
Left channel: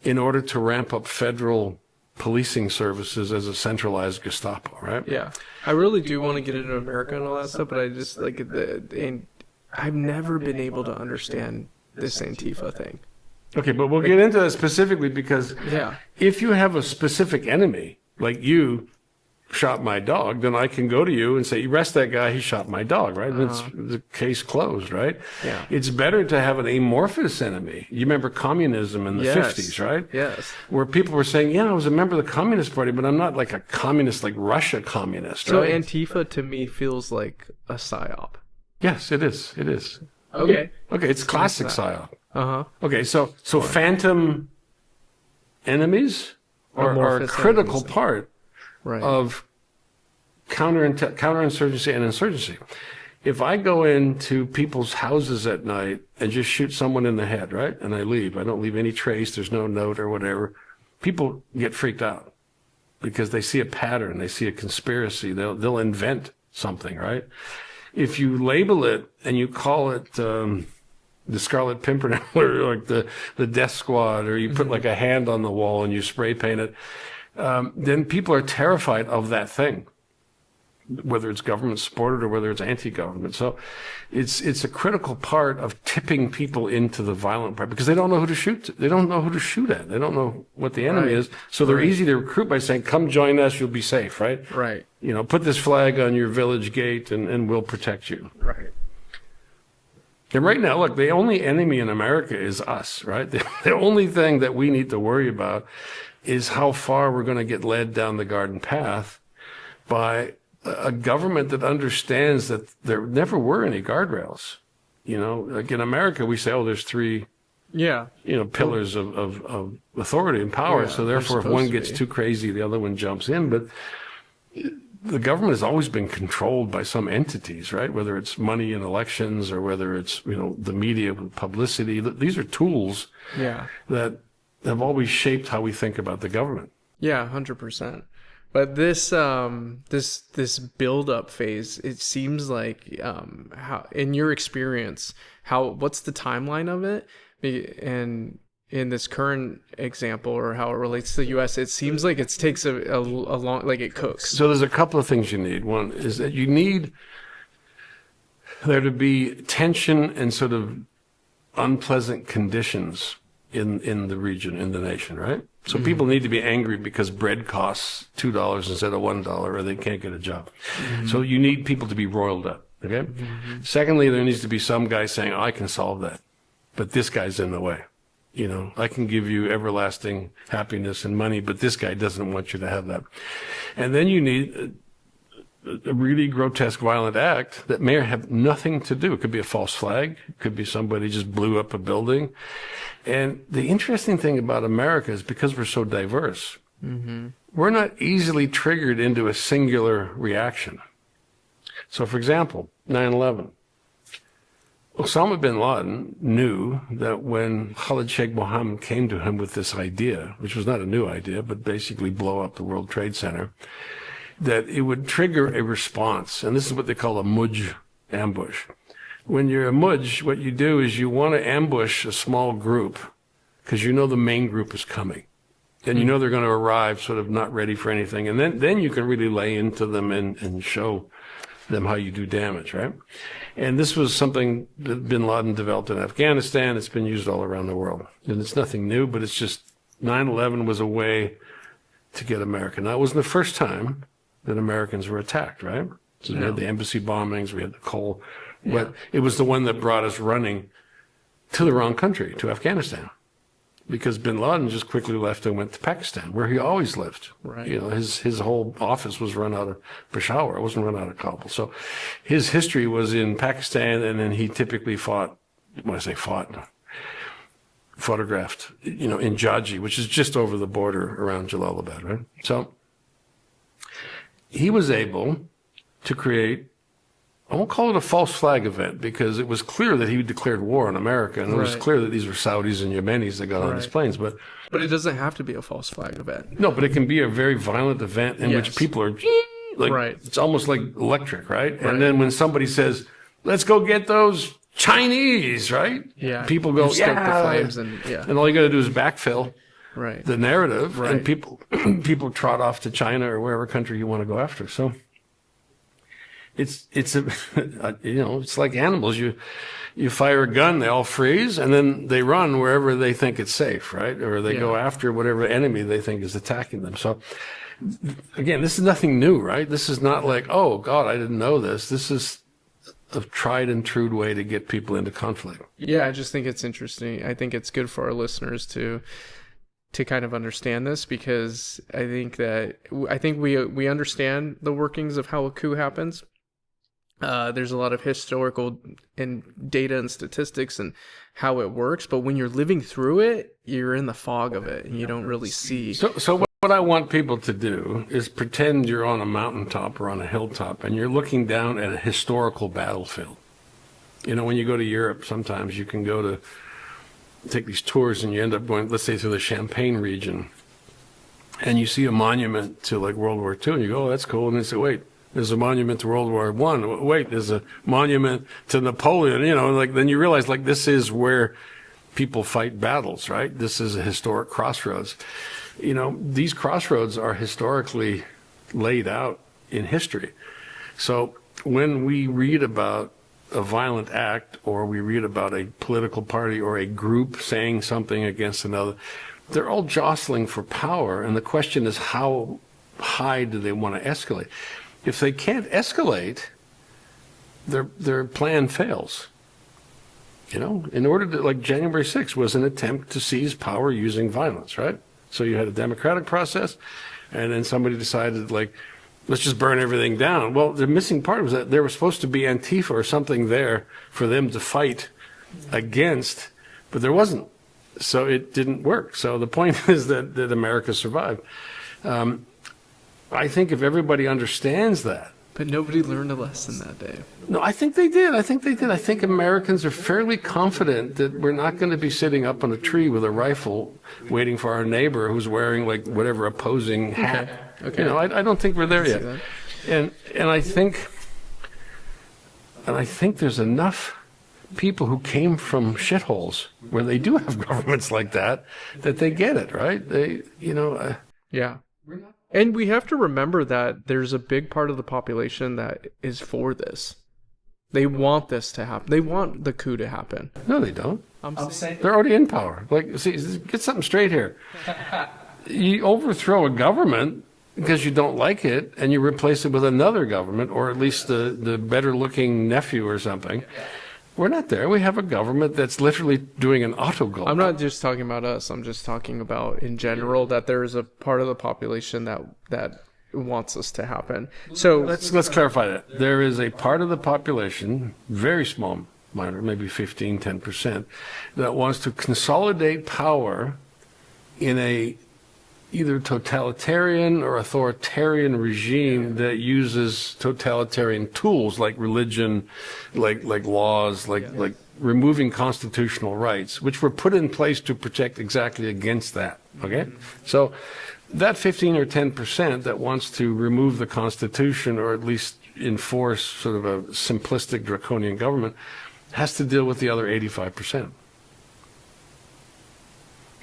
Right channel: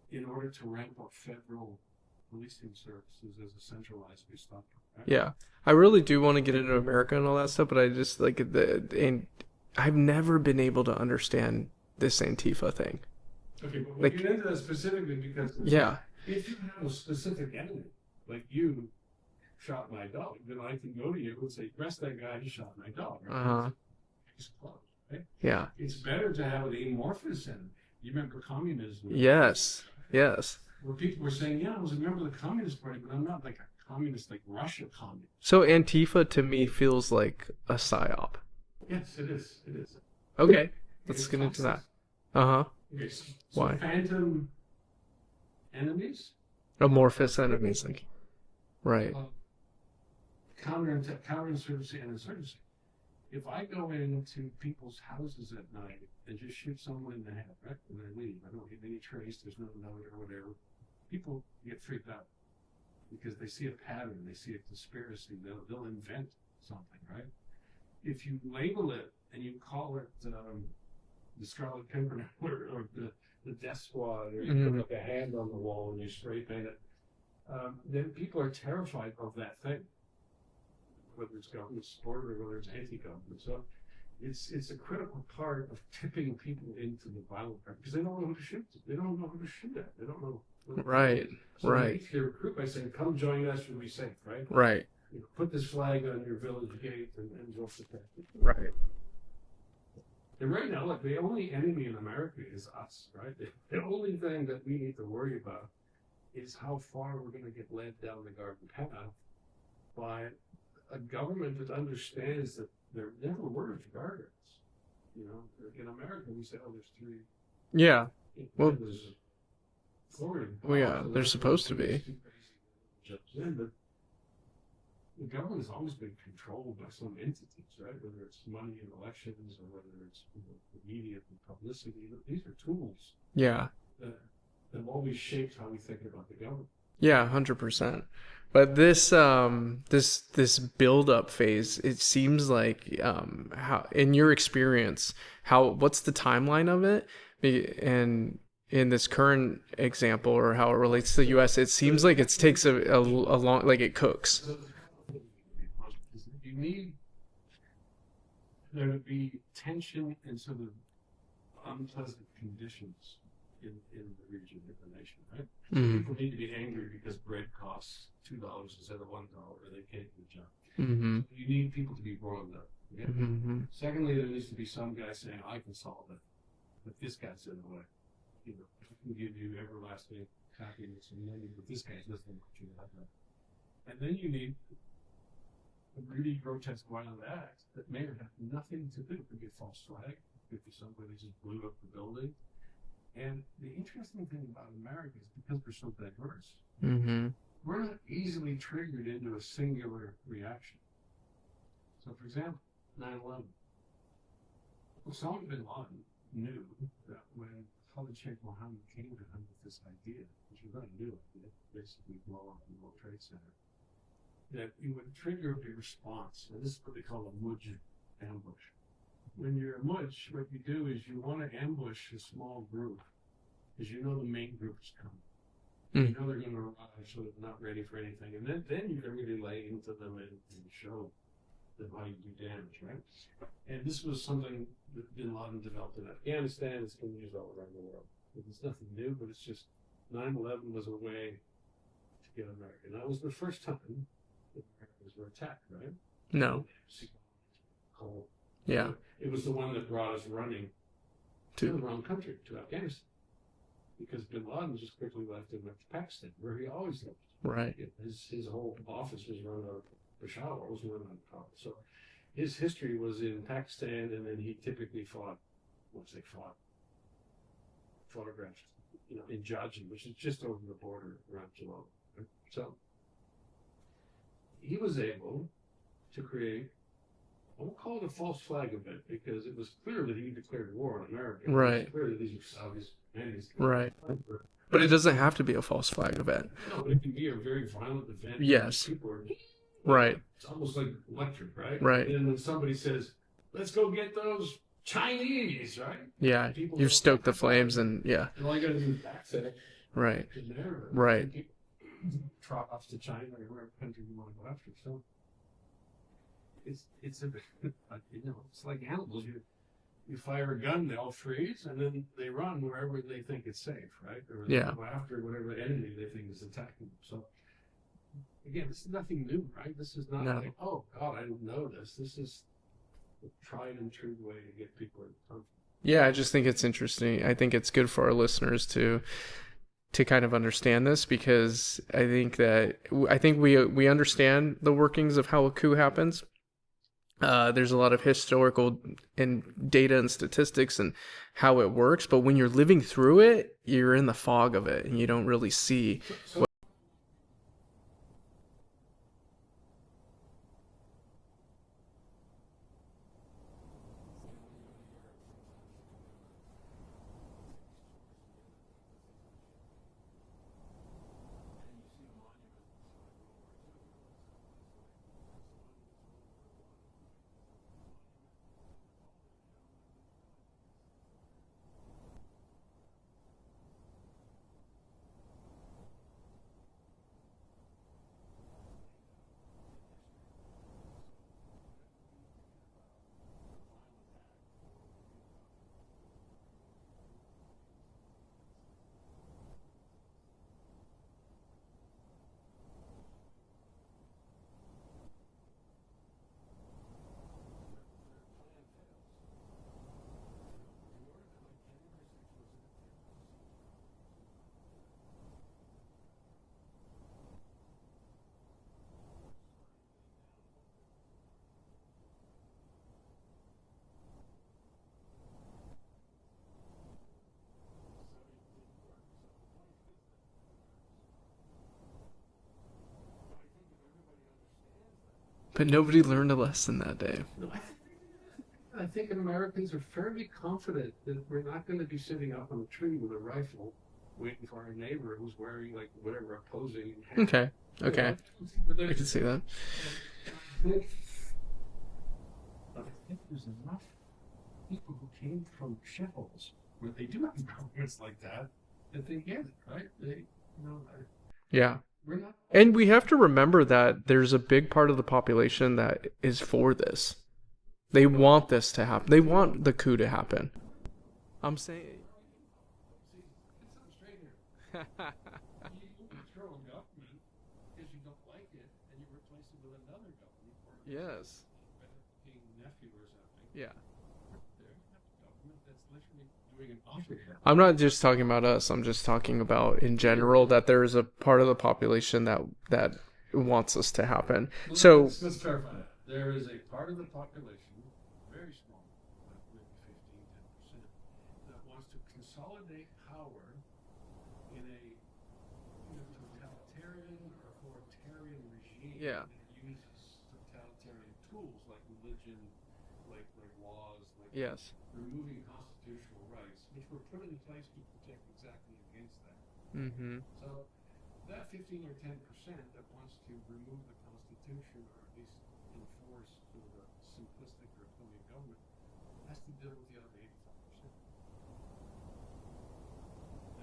in order to ramp up federal policing services as a centralized Gestapo, right? Yeah. I really do want to get into America and all that stuff, but I just and I've never been able to understand this Antifa thing. Okay, but we'll get into that specifically because if you have a specific enemy, like you shot my dog, then I can go to you and say, arrest that guy, he shot my dog, right? That's the case closed, right? Yeah. It's better to have an amorphous enemy. You remember communism in the 50s, right? Yes. Where people were saying, I was a member of the Communist Party, but I'm not like a communist, like Russia communist. So right? Antifa to me feels like a psyop. Yes, it is. It is. Okay. Okay, it's classic psyop. Okay, so phantom enemies are a critical part of counterinsurgency and insurgency. If I go into people's houses at night and just shoot someone in the head, right, and I leave, I don't leave any trace, there's no note or whatever, people get freaked out because they see a pattern, they see a conspiracy, they'll invent something, right? if you label it and you call it the Scarlet Pimpernel or like the Death Squad, or you put like a hand on the wall and you spray paint it, then people are terrified of that thing, whether it's government supported or whether it's anti-government. So it's a critical part of tipping people into the violent part, because they don't know who to shoot. They don't know who to shoot at. They don't know what the enemy is. So they're easy to recruit by saying, come join us, you'll be safe, right? Right. You know, put this flag on your village gate and we'll protect you. Right. And right now, look, the only enemy in America is us, right? The only thing that we need to worry about is how far we're going to get led down the garden path by a government that understands that there never were any guardrails. You know, like in America, we say, oh, there's three, pillars of authority and power. So therefore, if one gets too crazy, the other one jumps in. But the government has always been controlled by some entities, right? Whether it's money in elections or whether it's, the media with publicity. These are tools that have always shaped how we think about the government. Yeah, 100%. But this build-up phase, it seems like, how, in your experience, what's the timeline of it? And in this current example, or how it relates to the U.S., it seems like it takes a long, like it cooks. So there's a couple of things you need. One is that you need there to be tension and sort of unpleasant conditions in the region, in the nation, right? So people need to be angry because bread costs $2 instead of $1, or they can't get a job. So you need people to be roiled up, okay? Secondly, there needs to be some guy saying, I can solve that, but this guy's in the way. I can give you everlasting happiness and money, but this guy doesn't want you to have that. And then you need a really grotesque, violent act that may have nothing to do. It could be a false flag. It could be somebody just blew up a building. And the interesting thing about America is because we're so diverse, we're not easily triggered into a singular reaction. So, for example, 9/11. Osama bin Laden knew that when Khalid Sheikh Mohammed came to him with this idea, which was not a new idea, but basically blow up the World Trade Center, that it would trigger a response. And this is what they call a mudj ambush. When you're a mudj, what you do is you want to ambush a small group because the main group is coming. And they're going to arrive sort of not ready for anything. And then you can really lay into them and show them how you do damage, right? And this was something that bin Laden developed in Afghanistan. It's been used all around the world. And it's nothing new, but it's just 9/11 was a way to get America. Now, it wasn't the first time that Americans were attacked, right? So we had the embassy bombings, we had the coal. Yeah. It was the one that brought us running to the wrong country, to Afghanistan. Because bin Laden just quickly left and went to Pakistan, where he always lived. Right. His whole office was run out of Peshawar. It wasn't run out of Kabul. So his history was in Pakistan, and then he typically photographed, in Jaji, which is just over the border around Jalalabad, right? So he was able to create, I won't call it a false flag event, because it was clear that he declared war on America, and it was clear that these were Saudis and Yemenis that got on these planes. But it doesn't have to be a false flag event. No, but it can be a very violent event in which people are like, it's almost like electric, right? And then when somebody says, let's go get those Chinese, right? Yeah. People go, stoke the flames, and and all you got to do is backfill the narrative, and people trot off to China or wherever country you want to go after. So it's it's like animals. You fire a gun, they all freeze, and then they run wherever they think it's safe, right? Or they go after whatever enemy they think is attacking them. So again, this is nothing new, right? This is not like, oh God, I didn't know this. This is a tried and true way to get people into conflict. Yeah, I just think it's interesting. I think it's good for our listeners to kind of understand this, because I think we understand the workings of how a coup happens. There's a lot of historical and data and statistics and how it works, but when you're living through it, you're in the fog of it and you don't really see. So what I want people to do is pretend you're on a mountaintop or on a hilltop and you're looking down at a historical battlefield. When you go to Europe, sometimes you can take these tours and you end up going, let's say, through the Champagne region, and you see a monument to like World War II, and you go, oh, that's cool. And they say, wait, There's a monument to World War I. Wait, there's a monument to Napoleon. You know, like then you realize like this is where people fight battles, right? This is a historic crossroads. You know, these crossroads are historically laid out in history. So when we read about a violent act, or we read about a political party or a group saying something against another, they're all jostling for power, and the question is how high do they want to escalate? If they can't escalate, their plan fails. You know, in order to, like January 6th was an attempt to seize power using violence, right? So you had a democratic process, and then somebody decided, like, let's just burn everything down. Well, the missing part was that there was supposed to be Antifa or something there for them to fight against, but there wasn't. So it didn't work. So the point is that America survived. I think if everybody understands that. But nobody learned a lesson that day. No, I think they did. I think Americans are fairly confident that we're not going to be sitting up on a tree with a rifle waiting for our neighbor who's wearing like whatever opposing hat. Okay. You know, I don't think we're there yet. And I think there's enough people who came from shitholes where they do have governments like that they get it, right? Yeah. And we have to remember that there's a big part of the population that is for this. They want this to happen. They want the coup to happen. No, they don't. I'm saying they're already in power. Like, see, get something straight here. You overthrow a government because you don't like it, and you replace it with another government, or at least the better-looking nephew or something. We're not there. We have a government that's literally doing an autogol. I'm not just talking about us. I'm just talking about in general that there is a part of the population that wants this to happen. So let's clarify that. There is a part of the population, very small, minor, maybe 15, 10%, that wants to consolidate power in a either totalitarian or authoritarian regime that uses totalitarian tools like religion, like laws, like removing constitutional rights, which were put in place to protect exactly against that. Okay, so that 15 or 10% that wants to remove the Constitution or at least enforce sort of a simplistic draconian government has to deal with the other 85%.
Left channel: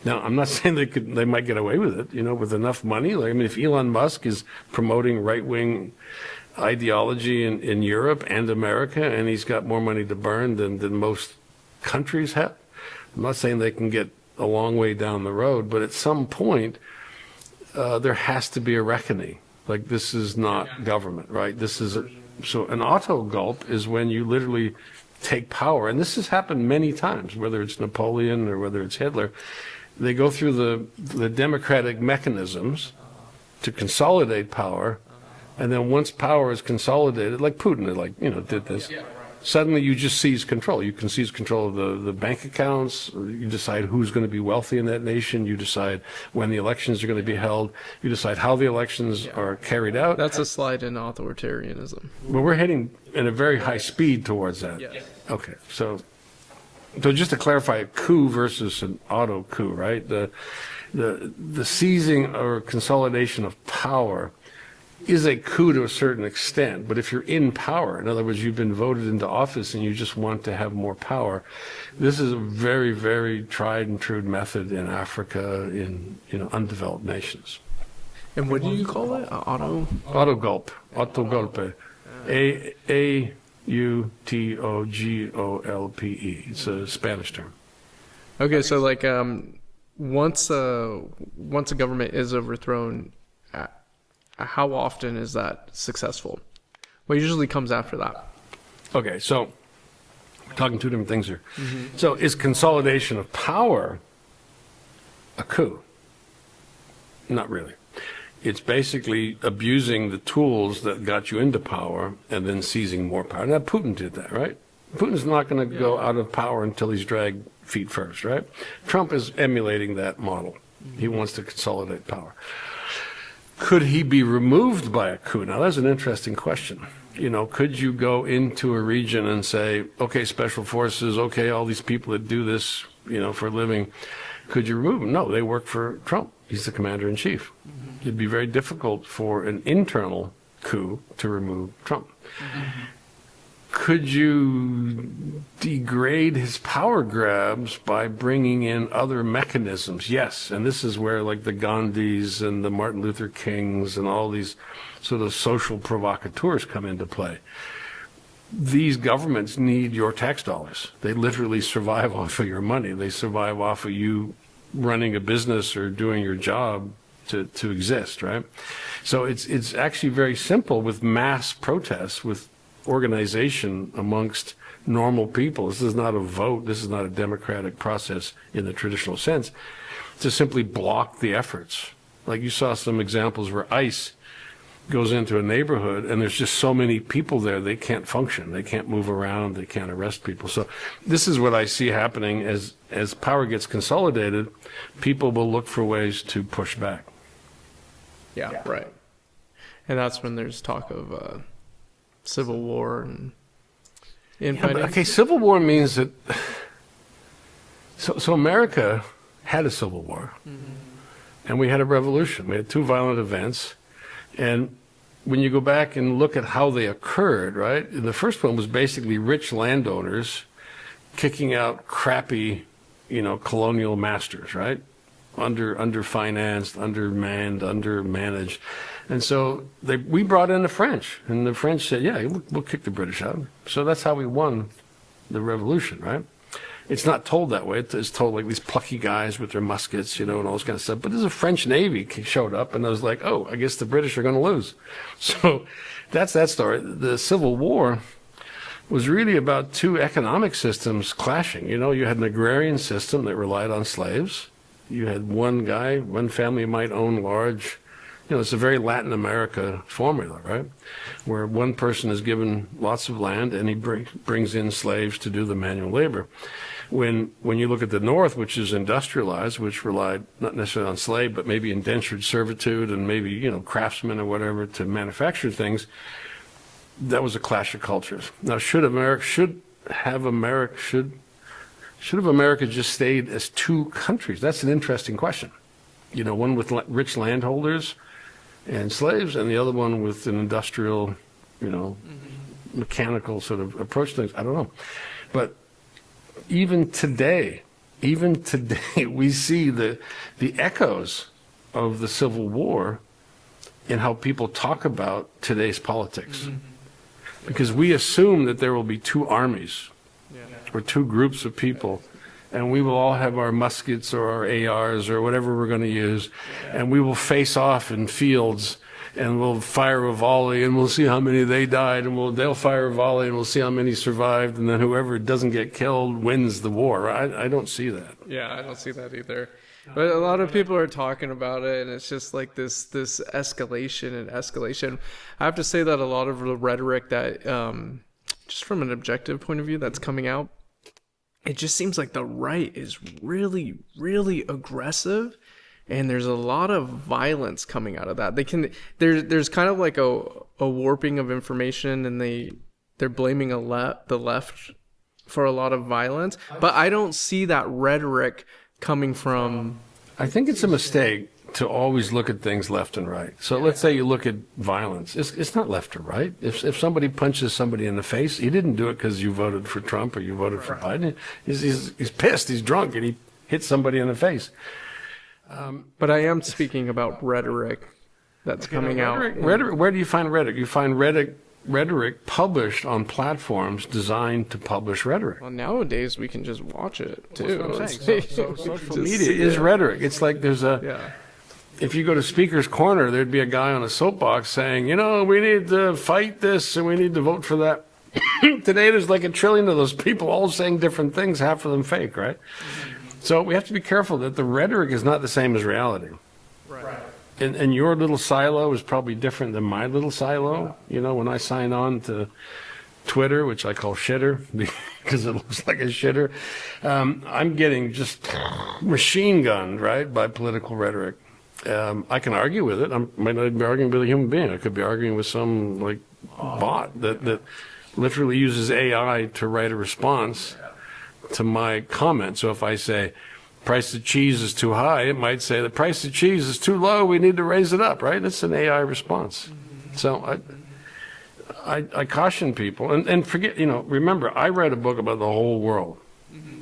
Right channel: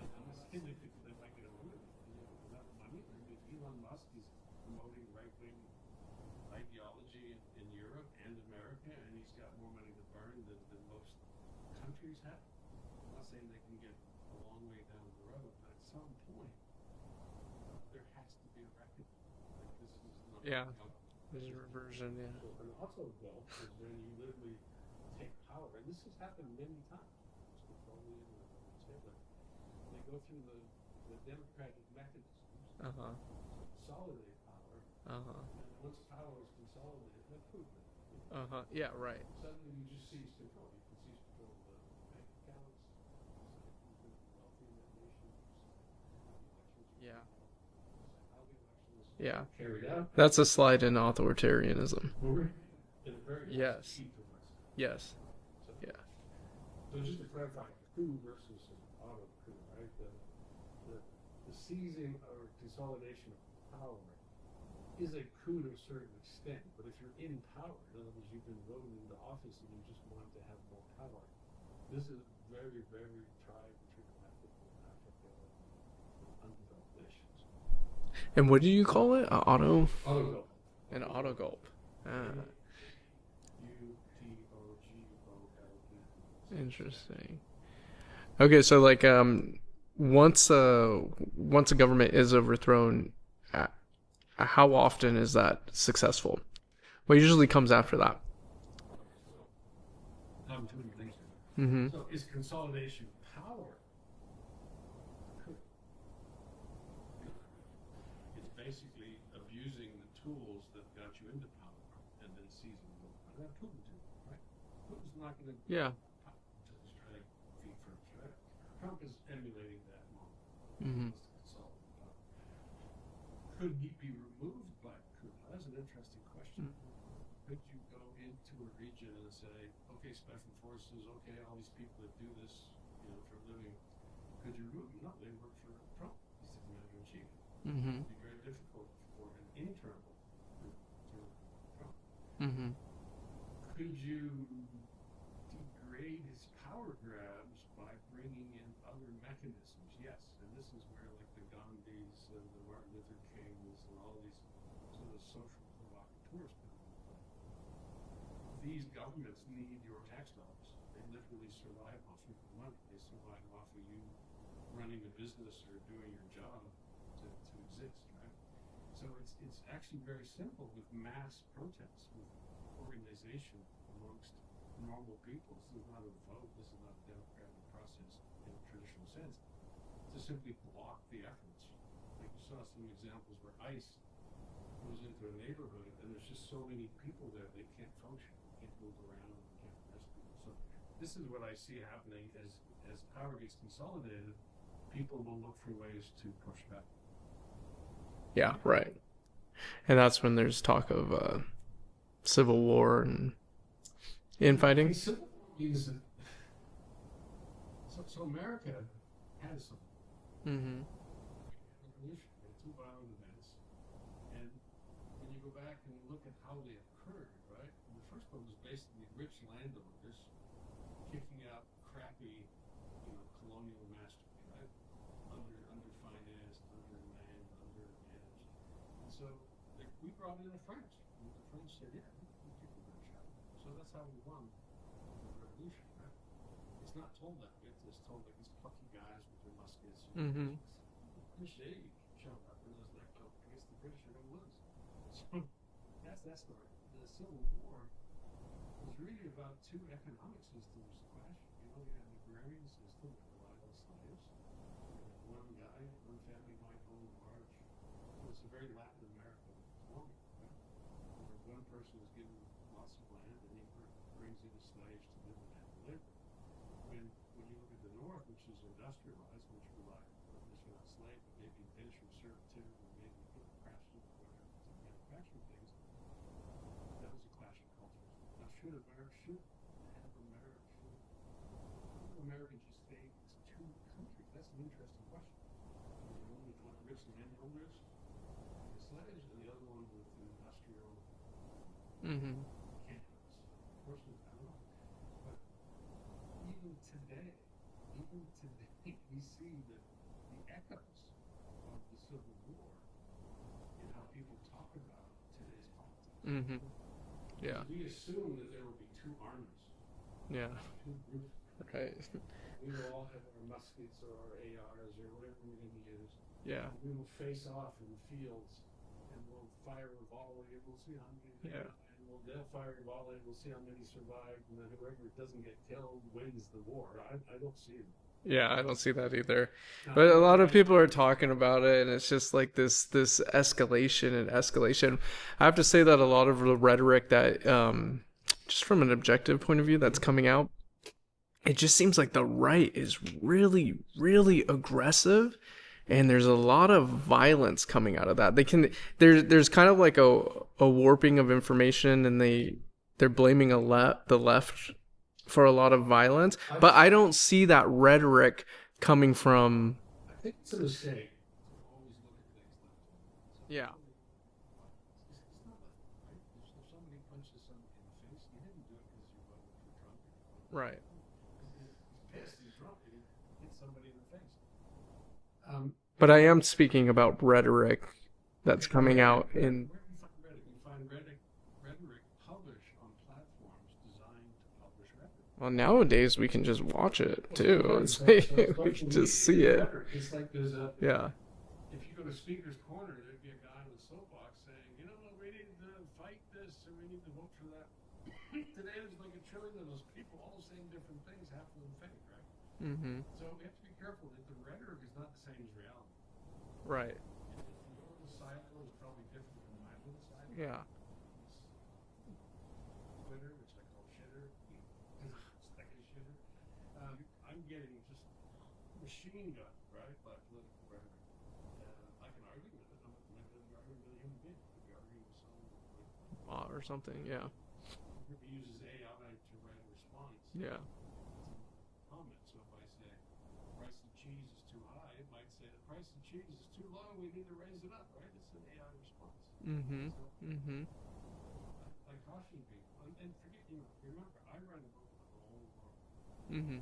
Now, I'm not saying they might get away with it, you know, with enough money. Like, I mean, if Elon Musk is promoting right-wing ideology in Europe and America, and he's got more money to burn than most countries have, I'm not saying they can get a long way down the road, but at some point, there has to be a reckoning. Like, this is not government, right? This is so an auto gulp is when you literally take power, and this has happened many times, whether it's Napoleon or whether it's Hitler. They go through the democratic mechanisms to consolidate power, and then once power is consolidated, like Putin, like, you know, did this, suddenly you just seize control. You can seize control of the bank accounts. You decide who's going to be wealthy in that nation. You decide when the elections are going to be held. You decide how the elections are carried out. That's a slide in authoritarianism. Well, we're heading at a very high speed towards that. Yes. Okay, so just to clarify, a coup versus an auto coup, right? The seizing or consolidation of power is a coup to a certain extent, but if you're in power, in other words, you've been voted into office and you just want to have more power, this is a very, very tried and true method in Africa, in, you know, undeveloped nations. And what do you call it? Auto gulp. Auto golpe. AUTOGOLPE. It's a Spanish term. Okay, so like once a government is overthrown, how often is that successful? What usually comes after that? Okay, so talking two different things here. So is consolidation of power a coup? Not really. It's basically abusing the tools that got you into power and then seizing more power. Now, Putin did that, right? Putin's not going to go out of power until he's dragged feet first, right? Trump is emulating that model. He wants to consolidate power. Could he be removed by a coup? Now, that's an interesting question. You know, could you go into a region and say, okay, special forces, okay, all these people that do this, you know, for a living, could you remove them? No, they work for Trump. He's the commander-in-chief. It'd be very difficult for an internal coup to remove Trump. Could you degrade his power grabs by bringing in other mechanisms? Yes, and this is where like the Gandhis and the Martin Luther Kings and all these sort of social provocateurs come into play. These governments need your tax dollars. They literally survive off of your money. They survive off of you running a business or doing your job to exist, right? So it's actually very simple with mass protests, with organization amongst normal people. This is not a vote. This is not a democratic process in the traditional sense, to simply block the efforts. Like you saw some examples where ICE goes into a neighborhood and there's just so many people there, they can't function. They can't move around. They can't arrest people. So this is what I see happening as power gets consolidated. People will look for ways to push back. Yeah, right. And that's when there's talk of civil war and infighting. Okay, civil war means that. So America had a civil war, and we had a revolution. We had two violent events, and when you go back and look at how they occurred, right? The first one was basically rich landowners kicking out crappy, colonial masters, right? Underfinanced, undermanned, undermanaged. And so we brought in the French, and the French said, yeah, we'll kick the British out. So that's how we won the revolution, right? It's not told that way. It's told like these plucky guys with their muskets, and all this kind of stuff. But there's a French Navy showed up, and I was like, oh, I guess the British are going to lose. So that's that story. The Civil War was really about two economic systems clashing. You had an agrarian system that relied on slaves. You had one family might own large, it's a very Latin America formula, right? Where one person is given lots of land and he brings in slaves to do the manual labor. When you look at the North, which is industrialized, which relied not necessarily on slave, but maybe indentured servitude and maybe, craftsmen or whatever to manufacture things, that was a clash of cultures. Now, should America just stayed as two countries? That's an interesting question. One with rich landholders and slaves, and the other one with an industrial, mechanical sort of approach to things. I don't know. But even today, we see the echoes of the Civil War in how people talk about today's politics. Because we assume that there will be two armies or two groups of people, and we will all have our muskets or our ARs or whatever we're going to use, and we will face off in fields, and we'll fire a volley, and we'll see how many they died, and they'll fire a volley, and we'll see how many survived, and then whoever doesn't get killed wins the war. I don't see that. Yeah, I don't see that either. But a lot of people are talking about it, and it's just like this escalation and escalation. I have to say that a lot of the rhetoric that, just from an objective point of view, that's coming out, it just seems like the right is really, really aggressive, and there's a lot of violence coming out of that. There's kind of like a warping of information, and they're blaming the left for a lot of violence. But I don't see that rhetoric coming from. I think it's a mistake to always look at things left and right. So let's say you look at violence. It's not left or right. If somebody punches somebody in the face, he didn't do it because you voted for Trump or you voted for Biden. He's pissed, he's drunk, and he hit somebody in the face. But I am speaking about rhetoric that's coming out. Rhetoric. Where do you find rhetoric? You find rhetoric published on platforms designed to publish rhetoric. Well, nowadays we can just watch it too. Social media is rhetoric. It's like there's if you go to Speaker's Corner, there'd be a guy on a soapbox saying, we need to fight this and we need to vote for that. Today there's like 1 trillion of those people all saying different things, half of them fake, right? So we have to be careful that the rhetoric is not the same as reality. Right. And your little silo is probably different than my little silo. When I sign on to Twitter, which I call shitter because it looks like a shitter, I'm getting just machine gunned, right, by political rhetoric. I can argue with it. I might not be arguing with a human being. I could be arguing with some bot that literally uses AI to write a response to my comment. So if I say, price of cheese is too high, it might say the price of cheese is too low, we need to raise it up, right? That's an AI response. So I caution people, and forget, remember, I read a book about the whole world.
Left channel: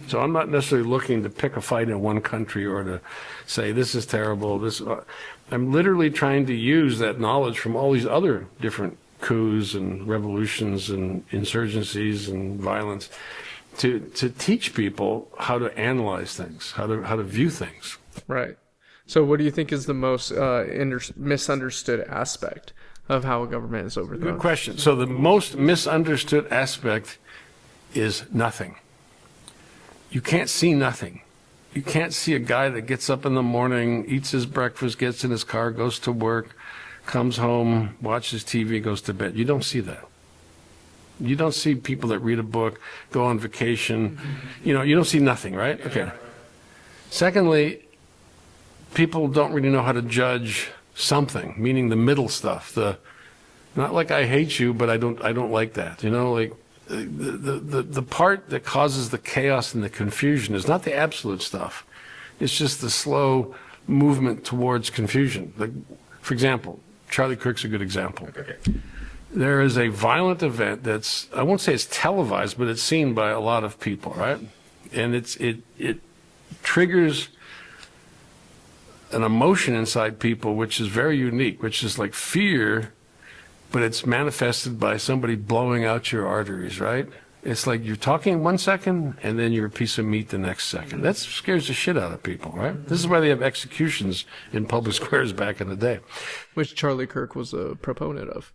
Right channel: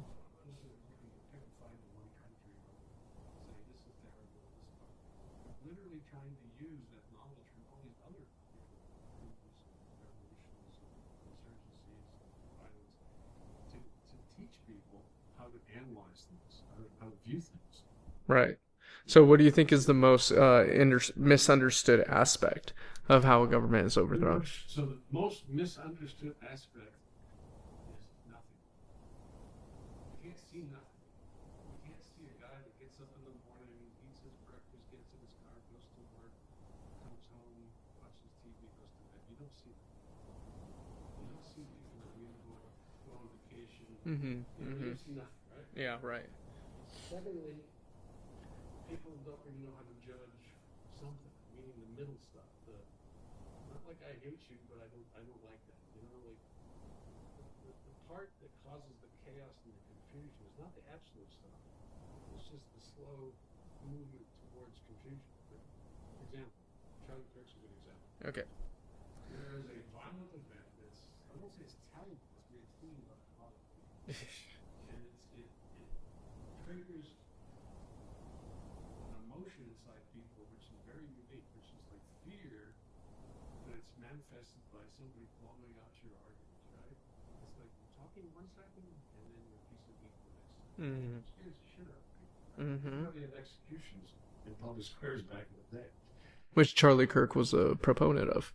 So I'm not necessarily looking to pick a fight in one country or to say this is terrible. I'm literally trying to use that knowledge from all these other different coups and revolutions and insurgencies and violence to teach people how to analyze things, how to view things. Right. So what do you think is the most misunderstood aspect of how a government is overthrown? Good question. So the most misunderstood aspect is nothing. You can't see nothing. You can't see a guy that gets up in the morning, eats his breakfast, gets in his car, goes to work, comes home, watches TV, goes to bed. You don't see that. You don't see people that read a book, go on vacation. You don't see nothing, right? Yeah, okay. right. Secondly, people don't really know how to judge something, meaning the middle stuff. Not like I hate you, but I don't like that. Like the part that causes the chaos and the confusion is not the absolute stuff. It's just the slow movement towards confusion. Like, for example, Charlie Kirk's a good example. Okay. There is a violent event that's, I won't say it's televised, but it's seen by a lot of people, right? And it triggers an emotion inside people which is very unique, which is like fear, but it's manifested by somebody blowing out your arteries, right? It's like you're talking 1 second and then you're a piece of meat the next second. That scares the shit out of people, right? This is why they have executions in public squares back in the day. Which Charlie Kirk was a proponent of.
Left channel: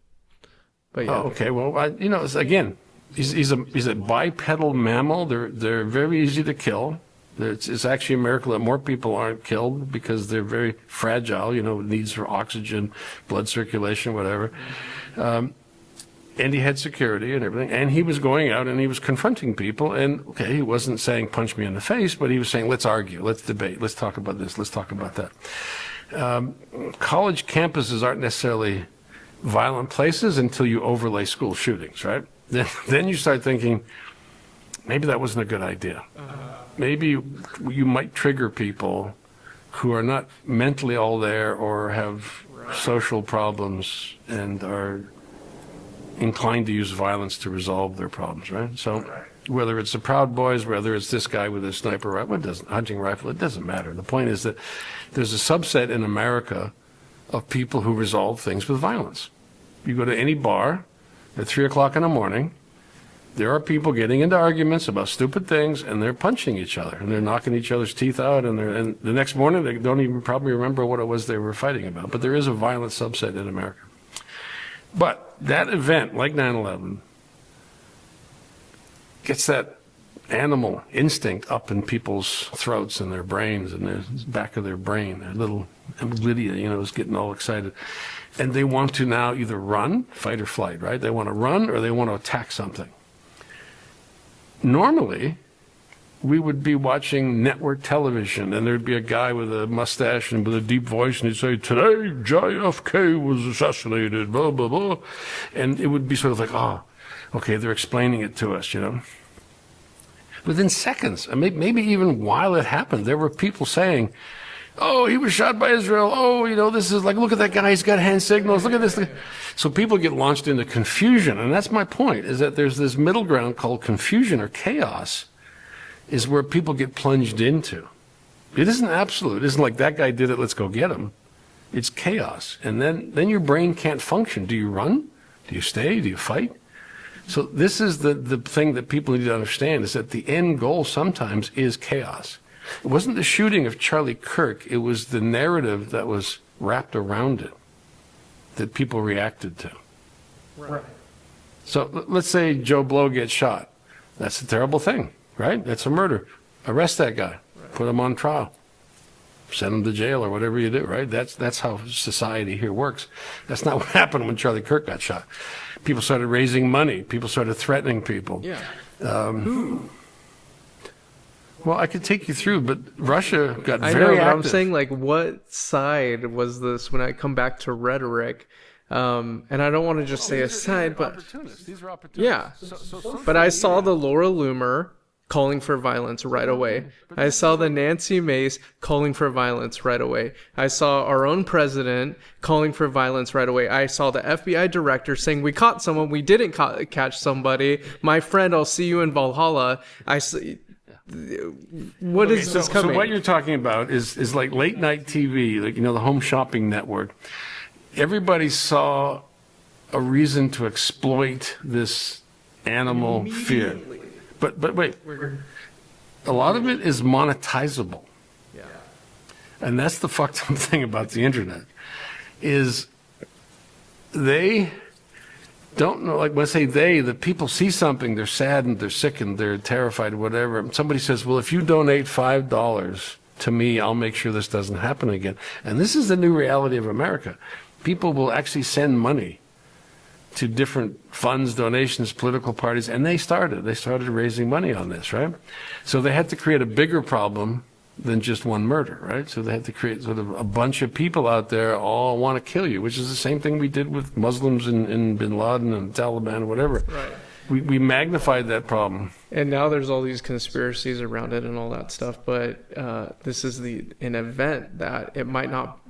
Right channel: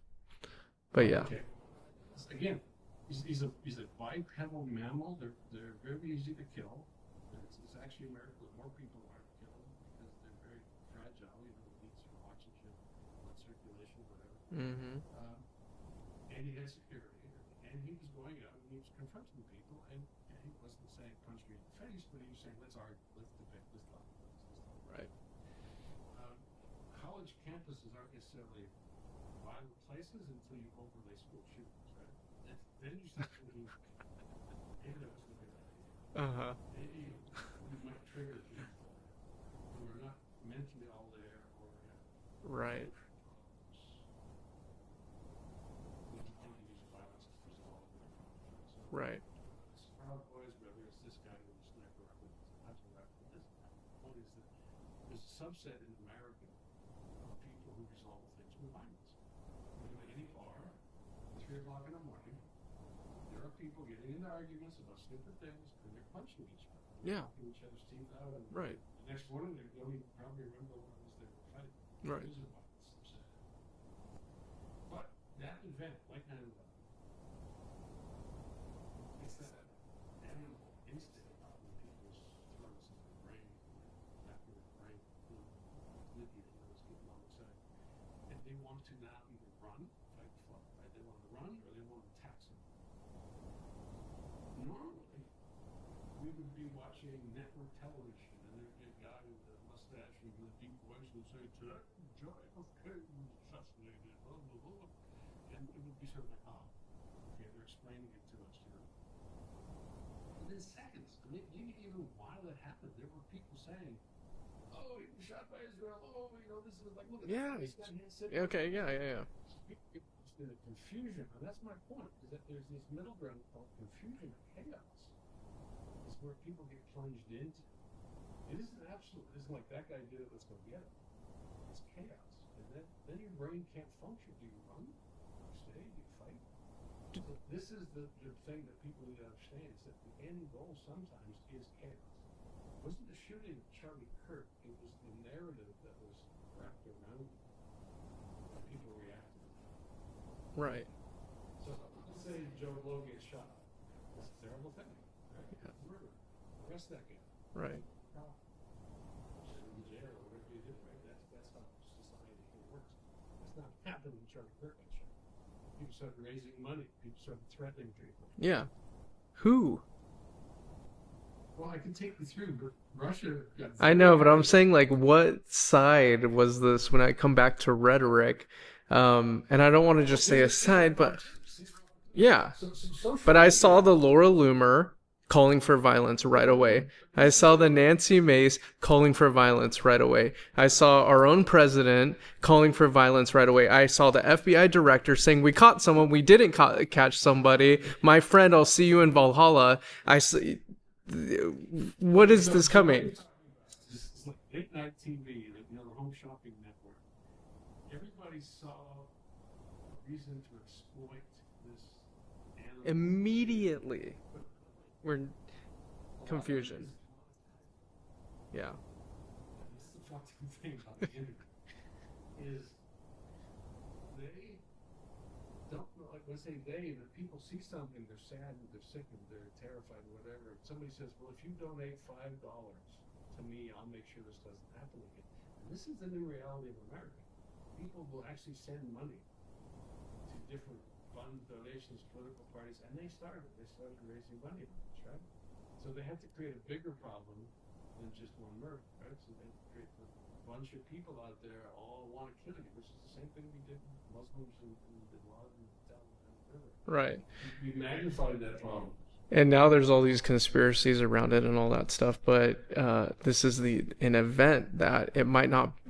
But yeah. Oh, okay, well, again, he's a bipedal mammal. They're very easy to kill. It's actually a miracle that more people aren't killed because they're very fragile, needs for oxygen, blood circulation, whatever. And he had security and everything. And he was going out and he was confronting people. And, okay, he wasn't saying punch me in the face, but he was saying let's argue, let's debate, let's talk about this, let's talk about that. College campuses aren't necessarily violent places until you overlay school shootings, right? Then you start thinking, maybe that wasn't a good idea. Maybe you might trigger people who are not mentally all there or have social problems and are inclined to use violence to resolve their problems, right? So whether it's the Proud Boys, whether it's this guy with a sniper rifle, hunting rifle, it doesn't matter. The point is that there's a subset in America of people who resolve things with violence. You go to any bar at 3 o'clock in the morning, there are people getting into arguments about stupid things, and they're punching each other, and they're knocking each other's teeth out, and the next morning they don't even probably remember what it was they were fighting about. But there is a violent subset in America. But that event, like 9/11, gets that animal instinct up in people's throats and their brains and the back of their brain. Their little Lydia, is getting all excited. And they want to now either run, fight or flight, right? They want to run or they want to attack something. Normally, we would be watching network television, and there'd be a guy with a mustache and with a deep voice, and he'd say, today JFK was assassinated, blah, blah, blah. And it would be sort of like, oh, okay, they're explaining it to us, Within seconds, and maybe even while it happened, there were people saying, oh, he was shot by Israel. Oh, this is like, look at that guy. He's got hand signals. Look at this. So people get launched into confusion. And that's my point, is that there's this middle ground called confusion or chaos is where people get plunged into. It isn't absolute. It isn't like that guy did it, let's go get him. It's chaos. And then your brain can't function. Do you run? Do you stay? Do you fight? So this is the thing that people need to understand, is that the end goal sometimes is chaos. It wasn't the shooting of Charlie Kirk, it was the narrative that was wrapped around it that people reacted to. Right. So let's say Joe Blow gets shot. That's a terrible thing, right? That's a murder. Arrest that guy. Right. Put him on trial. Send him to jail or whatever you do, right? That's how society here works. That's not what happened when Charlie Kirk got shot. People started raising money. People started threatening people. Yeah. Who? Well, I could take you through, but Russia got very I know, but active. I'm saying, like, what side was this when I come back to rhetoric? And I don't want to just say a side, but yeah. But I saw the Laura Loomer calling for violence right away. I saw the Nancy Mace calling for violence right away. I saw our own president calling for violence right away. I saw the FBI director saying, we caught someone, we didn't catch somebody. My friend, I'll see you in Valhalla. What is this coming? So what you're talking about is like late night TV, like, the Home Shopping Network. Everybody saw a reason to exploit this animal fear. But wait, a lot of it is monetizable. Yeah. And that's the fucked up thing about the internet, is they don't know, like when I say they, the people see something, they're saddened, they're sickened, they're terrified, whatever. And somebody says, well, if you donate $5 to me, I'll make sure this doesn't happen again. And this is the new reality of America. People will actually send money to different funds, donations, political parties, and they started raising money on this, right? So they had to create a bigger problem than just one murder, right? So they had to create sort of a bunch of people out there all want to kill you, which is the same thing we did with Muslims in Bin Laden and Taliban, whatever. Right. We magnified that problem. And now there's all these conspiracies around it and all that stuff, but this is an event that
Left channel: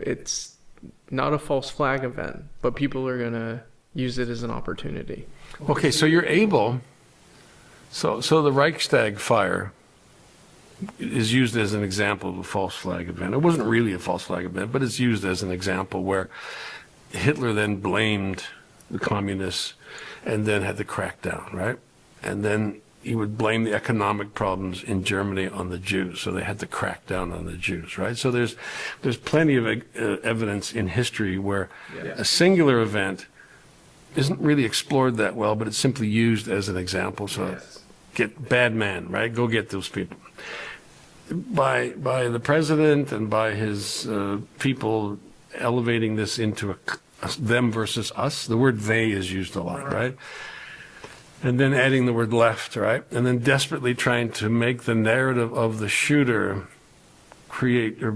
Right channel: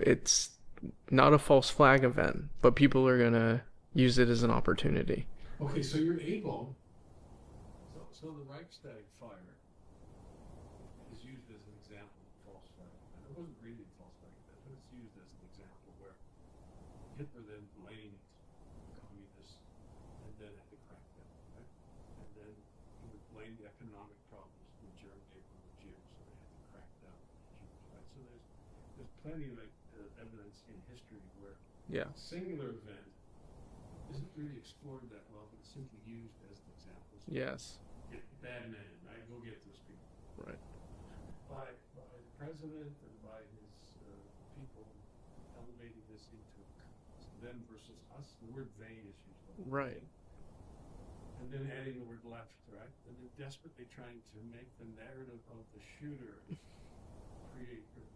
it's not a false flag event, but people are going to use it as an opportunity. Okay, so you're able, so the Reichstag fire is used as an example of a false flag event. It wasn't really a false flag event, but it's used as an example where Hitler then blamed the communists and then had to crack down, right? And then he would blame the economic problems in Germany on the Jews, so they had to crack down on the Jews, right? So there's plenty of evidence in history where a singular event isn't really explored that well, but it's simply used as an example. So get bad man, right? Go get those people. By the president and by his people elevating this into a them versus us, the word they is used a lot, right? And then adding the word left, right? And then desperately trying to make the narrative of the shooter create or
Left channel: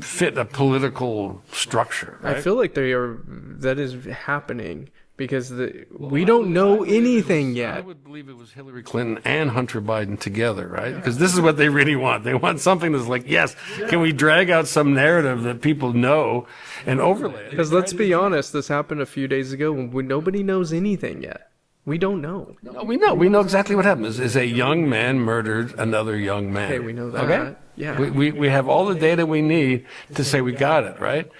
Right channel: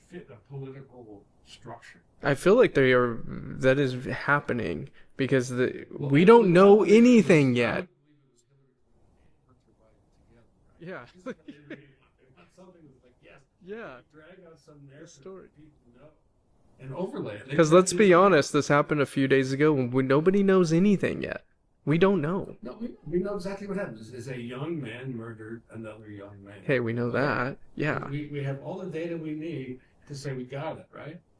fit a political structure. Right? I feel like that is happening because we don't know anything yet. I would believe it was Hillary Clinton and Hunter Biden together, right? Because this is what they really want. They want something that's like, yes, can we drag out some narrative that people know and overlay it? Because let's be honest, this happened a few days ago when nobody knows anything yet. We don't know. No, we know. We know exactly what happened. Is a young man murdered another young man. Hey, we know that. Okay? Yeah. We have all the data we need to say we got it, right?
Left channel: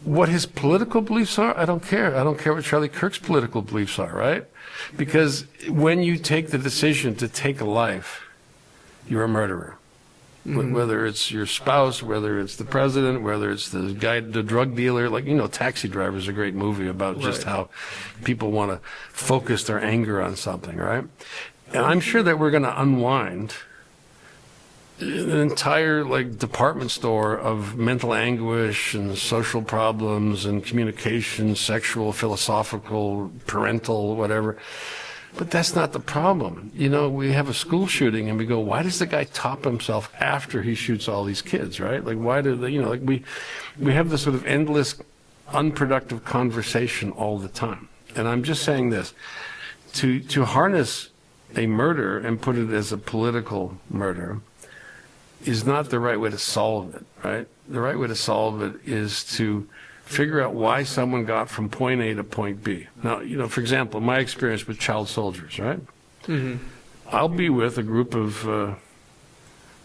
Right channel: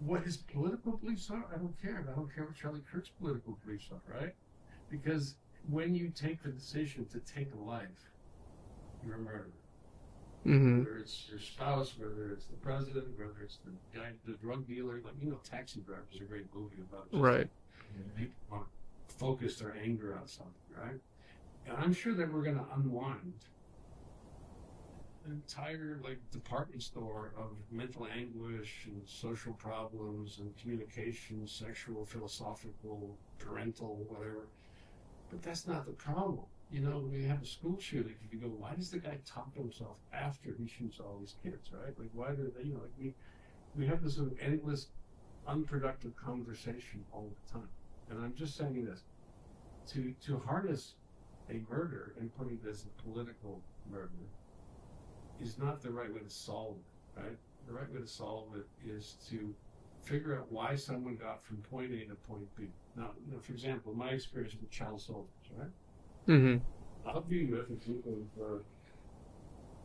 What his political beliefs are, I don't care. I don't care what Charlie Kirk's political beliefs are, right? Because when you take the decision to take a life, you're a murderer. Mm-hmm. Whether it's your spouse, whether it's the president, whether it's the guy, the drug dealer, like, Taxi Driver is a great movie about just how people want to focus their anger on something, right? And I'm sure that we're going to unwind an entire department store of mental anguish and social problems and communication, sexual, philosophical, parental, whatever. But that's not the problem. We have a school shooting and we go, why does the guy top himself after he shoots all these kids, right? Like, why do they, we have this sort of endless, unproductive conversation all the time. And I'm just saying this, to harness a murder and put it as a political murder is not the right way to solve it, right? The right way to solve it is to figure out why someone got from point A to point B. Now, for example, my experience with child soldiers, right? Mm-hmm. I'll be with a group of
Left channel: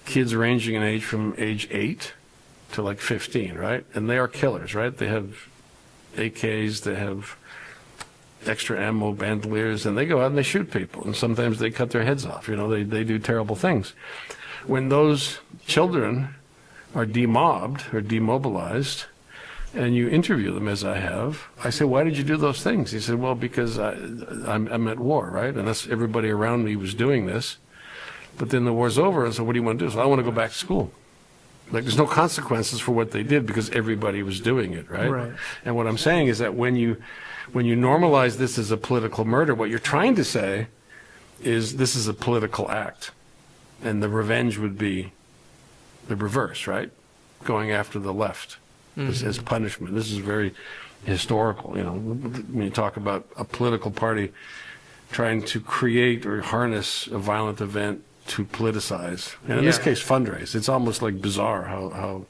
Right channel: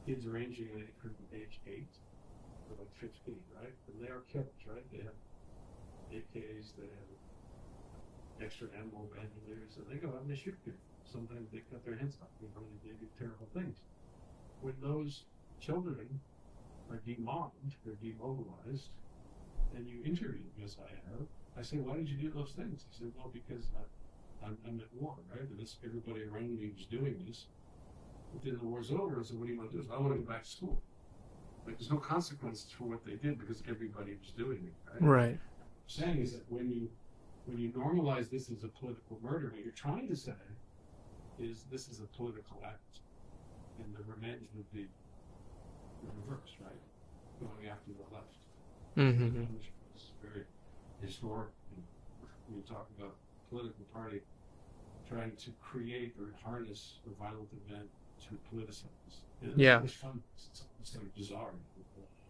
kids ranging in age from age 8 to 15, right? And they are killers, right? They have AKs, they have extra ammo, bandoliers, and they go out and they shoot people. And sometimes they cut their heads off, they do terrible things. When those children are demobbed or demobilized, and you interview them, as I have, I say, why did you do those things? He said, well, because I'm at war, right? And that's everybody around me was doing this. But then the war's over, and so what do you want to do? So I want to go back to school. There's no consequences for what they did because everybody was doing it, right? Right. And what I'm saying is that when you normalize this as a political murder, what you're trying to say is this is a political act. And the revenge would be the reverse, right? Going after the left. Mm-hmm. As punishment. This is very historical, when you talk about a political party trying to create or harness a violent event to politicize, and in this case, fundraise. It's almost like bizarre how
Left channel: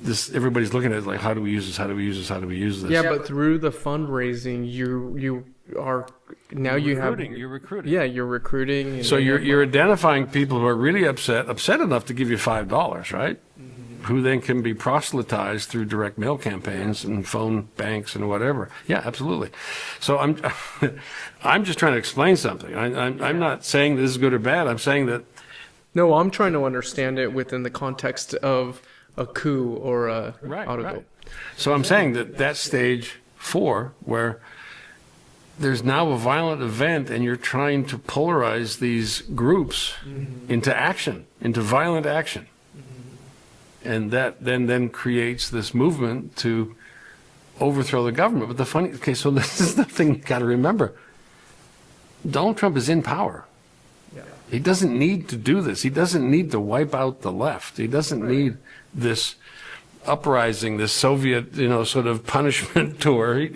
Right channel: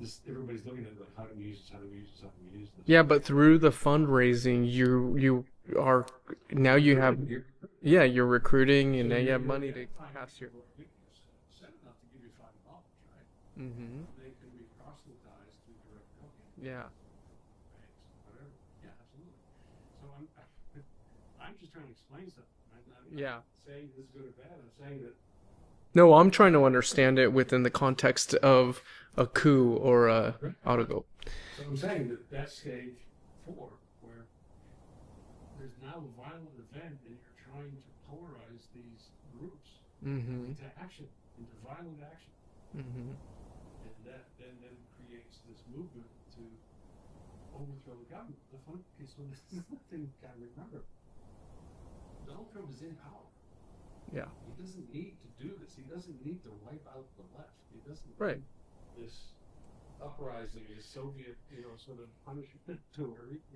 this everybody's looking at it like, how do we use this? How do we use this? How do we use this? Yeah, but through the fundraising, you are now you have you're recruiting. Yeah, you're recruiting. And so you're identifying people who are really upset enough to give you $5, right? Mm-hmm. Who then can be proselytized through direct mail campaigns and phone banks and whatever. Yeah, absolutely. So I'm just trying to explain something. I'm not saying this is good or bad. I'm saying that. No, I'm trying to understand it within the context of a coup or a autogo. Right. So I'm saying that stage 4, where there's now a violent event and you're trying to polarize these groups into action, into violent action. Mm-hmm. And that then creates this movement to overthrow the government. But so this is the thing you got to remember. Donald Trump is in power. Yeah. He doesn't need to do this. He doesn't need to wipe out the left. He doesn't need this uprising, this Soviet, sort of punishment tour.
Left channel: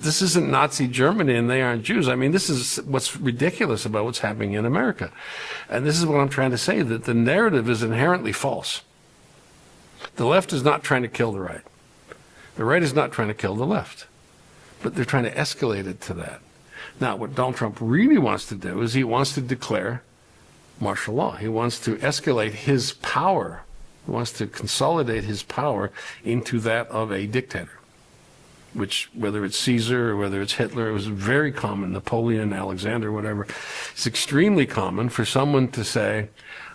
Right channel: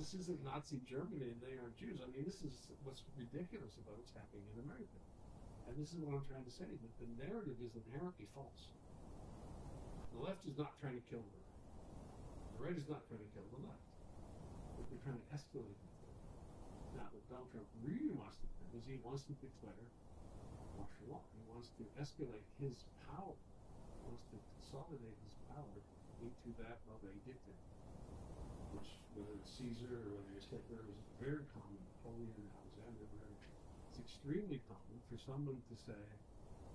This isn't Nazi Germany and they aren't Jews. I mean, this is what's ridiculous about what's happening in America. And this is what I'm trying to say, that the narrative is inherently false. The left is not trying to kill the right. The right is not trying to kill the left. But they're trying to escalate it to that. Now, what Donald Trump really wants to do is he wants to declare martial law. He wants to escalate his power. He wants to consolidate his power into that of a dictator. Which, whether it's Caesar or whether it's Hitler, it was very common, Napoleon, Alexander, whatever. It's extremely common for someone to say,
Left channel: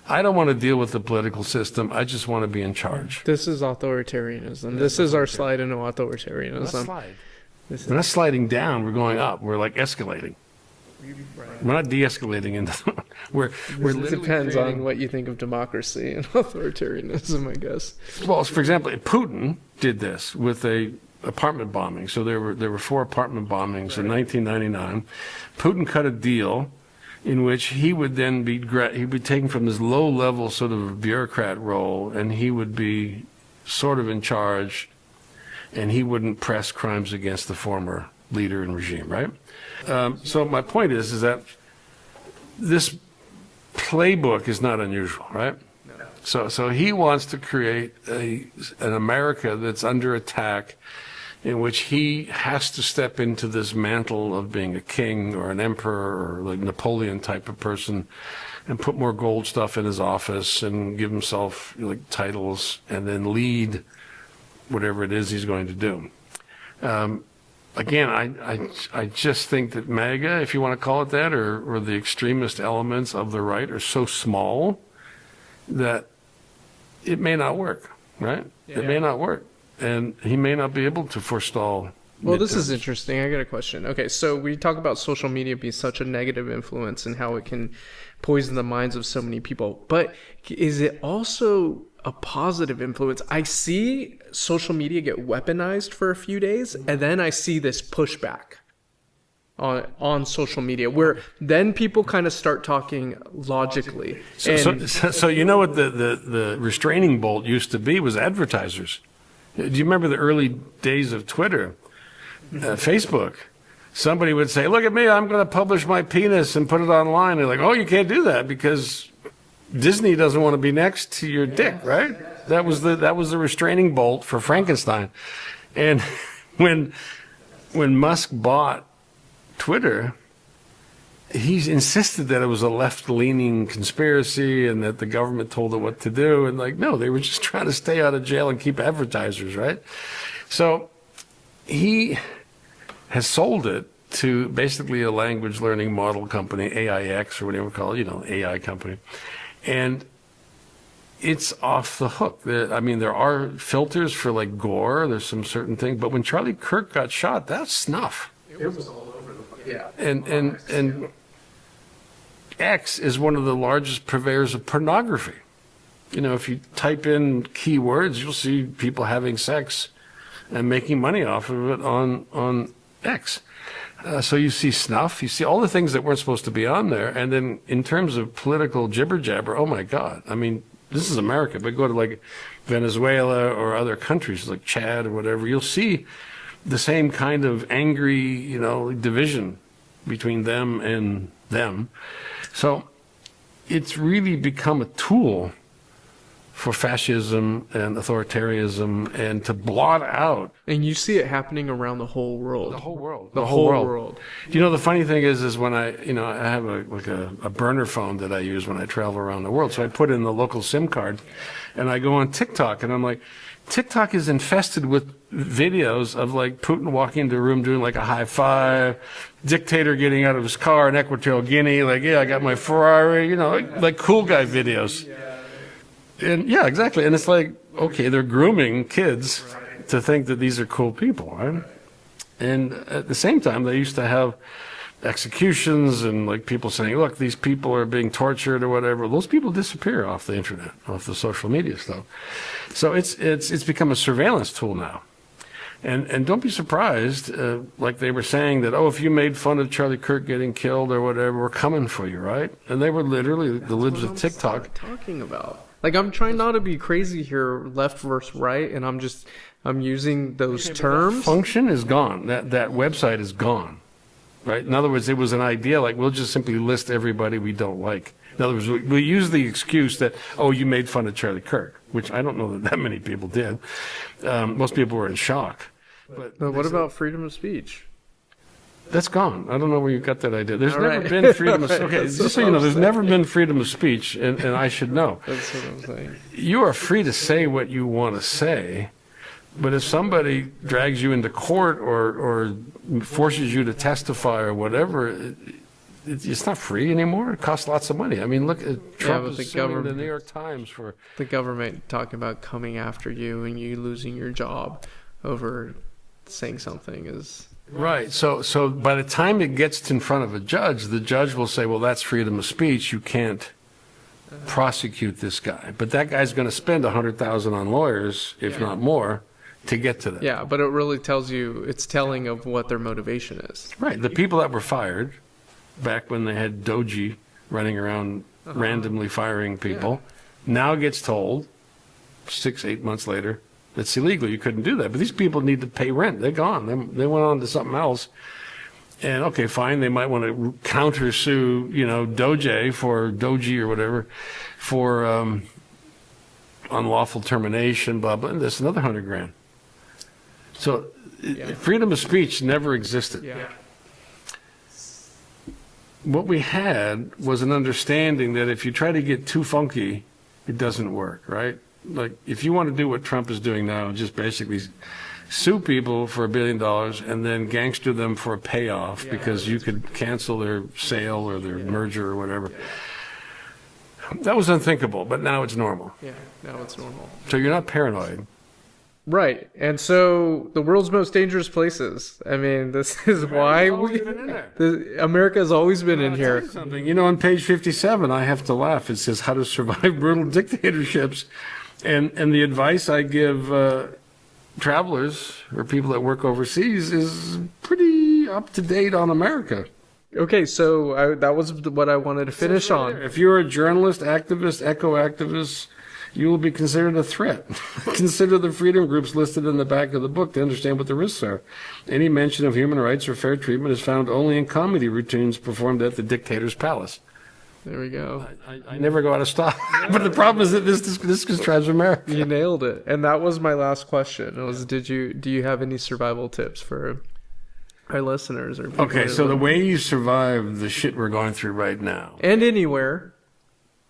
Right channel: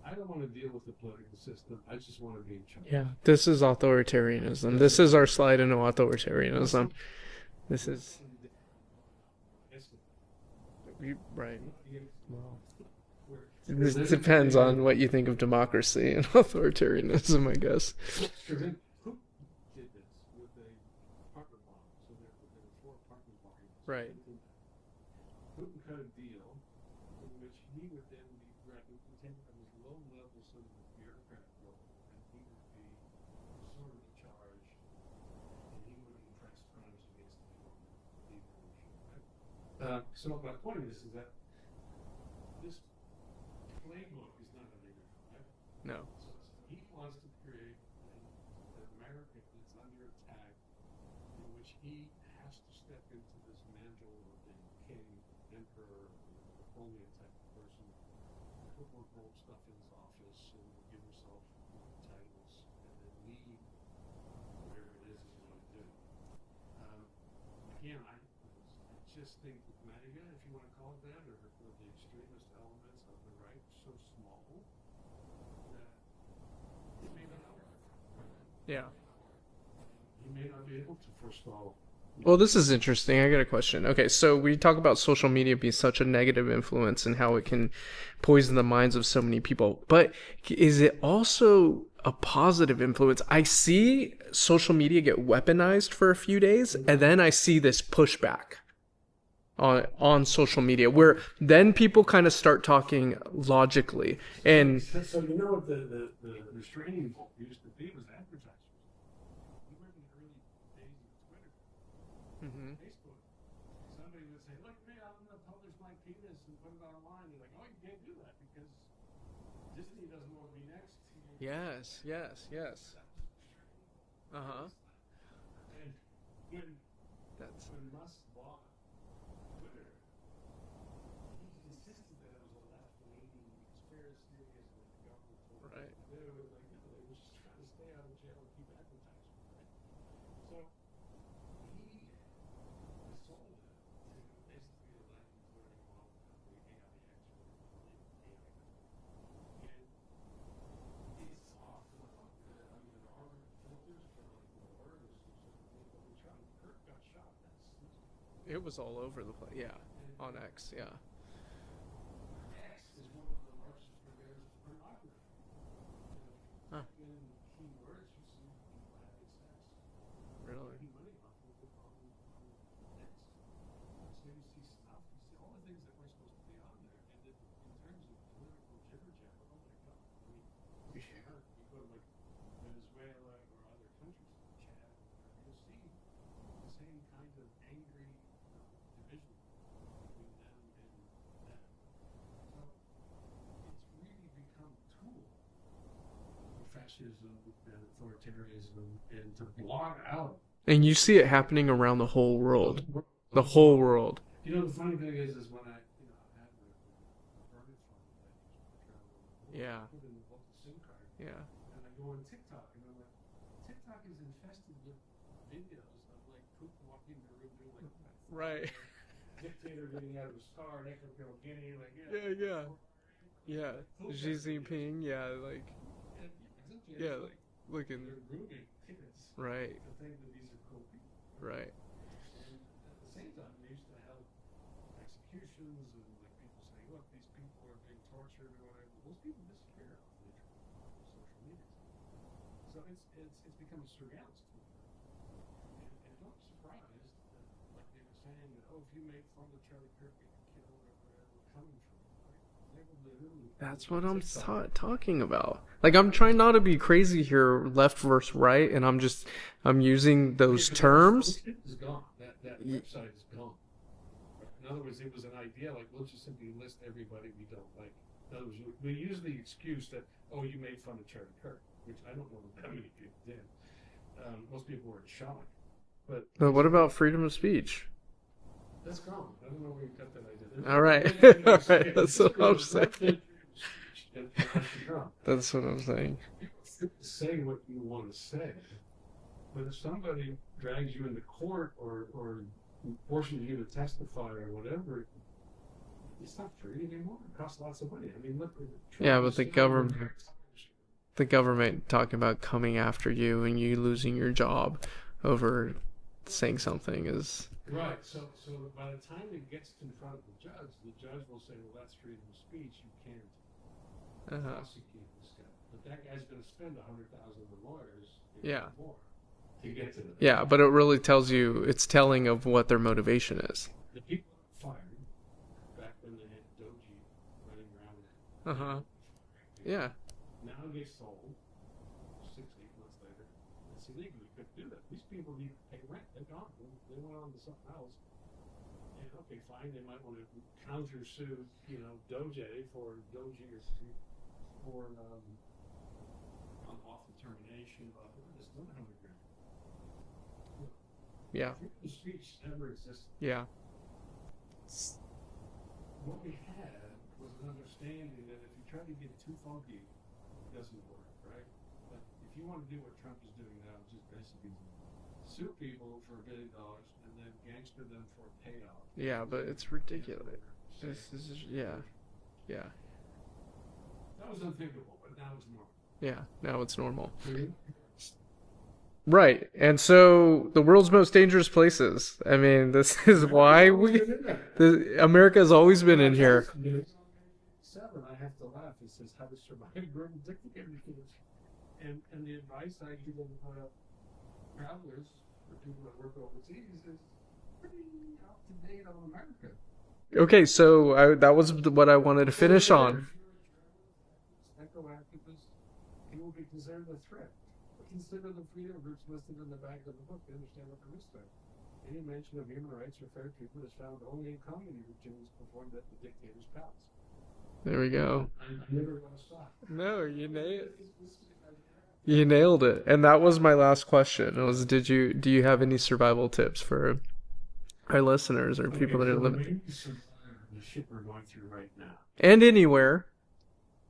I don't want to deal with the political system, I just want to be in charge. Yeah. This is authoritarianism. This is our slide into authoritarianism. We're not sliding down, we're going up. We're like escalating. Right. We're not de-escalating into it depends on what you think of democracy and authoritarianism, I guess. Well, for example, Putin did this with a apartment bombing. So there were 4 apartment bombings in 1999. Putin cut a deal in which he would then be taken from this low-level sort of bureaucrat role, and he would be sort of in charge, and he wouldn't press crimes against the former leader and regime, right? So my point is that this playbook is not unusual, right? No. So he wants to create an America that's under attack, in which he has to step into this mantle of being a king or an emperor or like Napoleon type of person, and put more gold stuff in his office and give himself like titles and then lead whatever it is he's going to do. Again, I just think that MAGA, if you want to call it that, or the extremist elements of the right are so small that it may not work, right? Yeah. It may not work. And he may not be able to forestall. Well, this is interesting. I got a question. Okay, so we talk about social media being such a negative influence and how it can poison the minds of so many people. But is it also a positive influence? I see social media get weaponized for a few days, and then I see this pushback on social media, where then people kind of start talking logically. So you know what the restraining bolt used to be was advertisers. Do you remember the early days of Twitter, Facebook? Somebody would say, look at me, I'm going to publish my penis and put it online. They're like, oh, you can't do that because Disney doesn't want to be next to your dick, right? Yes. That was the restraining bolt for Frankenstein. And when Musk bought Twitter, he insisted that it was a left-leaning conspiracy and that the government told it what to do. And like, no, they were just trying to stay out of jail and keep advertisers, right? So he has sold it to basically a language learning model company, AIX or whatever you call it, AI company. And it's off the hook. I mean, there are filters for like gore. There's some certain things. But when Charlie Kirk got shot, that's snuff. It was all over the place. Yeah. And X is one of the largest purveyors of pornography. If you type in keywords, you'll see people having sex and making money off of it on X. So you see snuff, you see all the things that weren't supposed to be on there. And then in terms of political jibber jabber, oh my God. I mean, this is America, but go to like Venezuela or other countries like Chad or whatever, you'll see the same kind of angry, division between them and them. So it's really become a tool for fascism and authoritarianism and to blot out And you see it happening around the whole world. the whole world. The whole world. You know, the funny thing is when I have a burner phone that I use when I travel around the world. So I put in the local SIM card and I go on TikTok and I'm like, TikTok is infested with videos of like Putin walking into a room doing like a high five, dictator getting out of his car in Equatorial Guinea, like, yeah, I got my Ferrari, like cool guy videos. And yeah, exactly. And it's like, okay, they're grooming kids to think that these are cool people, right? And at the same time, they used to have executions and like people saying, look, these people are being tortured or whatever. Those people disappear off the internet, off the social media stuff. So it's become a surveillance tool now. And don't be surprised, like they were saying that, if you made fun of Charlie Kirk getting killed or whatever, we're coming for you, right? And they were literally the libs of TikTok talking about. Like, I'm trying not to be crazy here, left versus right, and I'm using those terms. Function is gone. That website is gone, right? In other words, it was an idea like we'll just simply list everybody we don't like. In other words, we use the excuse that, you made fun of Charlie Kirk, which I don't know that many people did. Most people were in shock. But what about freedom of speech? That's gone. I don't know where you got that idea. There's All never right. been freedom of speech. Okay, That's just so you what know, I'm there's saying. never been freedom of speech, and I should know. That's what I'm saying. You are free to say what you want to say, but if somebody drags you into court or forces you to testify or whatever, it's not free anymore. It costs lots of money. I mean, look at Trump but the is suing government, the New York Times for the government talking about coming after you and you losing your job over saying something is right. So by the time it gets in front of a judge, the judge will say, well, that's freedom of speech. You can't prosecute this guy. But that guy's going to spend $100,000 on lawyers, if not more, to get to that. Yeah, but it really tells you, it's telling of what their motivation is. Right. The people that were fired back when they had Doji running around randomly firing people now gets told 6-8 months later, that's illegal. You couldn't do that. But these people need to pay rent. They're gone. They went on to something else. And okay, fine. They might want to countersue, Doji or whatever, for unlawful termination, blah blah. And that's another $100,000. So freedom of speech never existed. Yeah. What we had was an understanding that if you try to get too funky, it doesn't work, right? Like, if you want to do what Trump is doing now, just basically sue people for $1 billion and then gangster them for a payoff because you could cancel their sale or their merger or whatever. That was unthinkable, but now it's normal. Yeah, now it's normal. So you're not paranoid. Right. And so the world's most dangerous places. I mean, this is why America has always been in here. On page 57, I have to laugh. It says how to survive brutal dictatorships. And the advice I give travelers or people that work overseas is pretty up to date on America. Okay, so that was what I wanted to finish on. If you're a journalist, activist, eco-activist, you will be considered a threat. Consider the freedom groups listed in the back of the book to understand what the risks are. Any mention of human rights or fair treatment is found only in comedy routines performed at the dictator's palace. There we go. I never go out of style. But the problem is that this describes America. You nailed it. And that was my last question. It was, do you have any survival tips for our listeners or people? Okay, so the way you survive the shit we're going through right now. And anywhere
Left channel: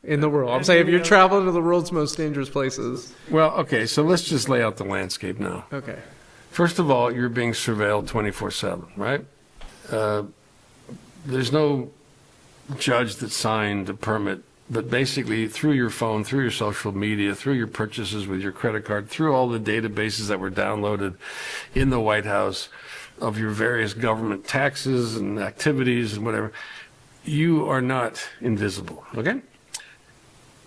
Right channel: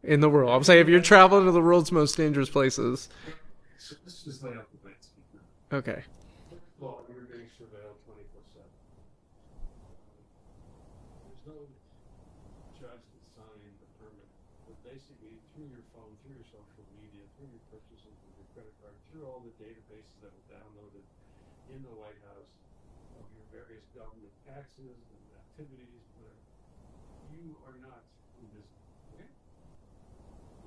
in the world. I'm saying if you're traveling to the world's most dangerous places. Well, okay, so let's just lay out the landscape now. Okay. First of all, you're being surveilled 24/7, right? There's no judge that signed a permit, but basically through your phone, through your social media, through your purchases with your credit card, through all the databases that were downloaded in the White House of your various government taxes and activities and whatever, you are not invisible, okay?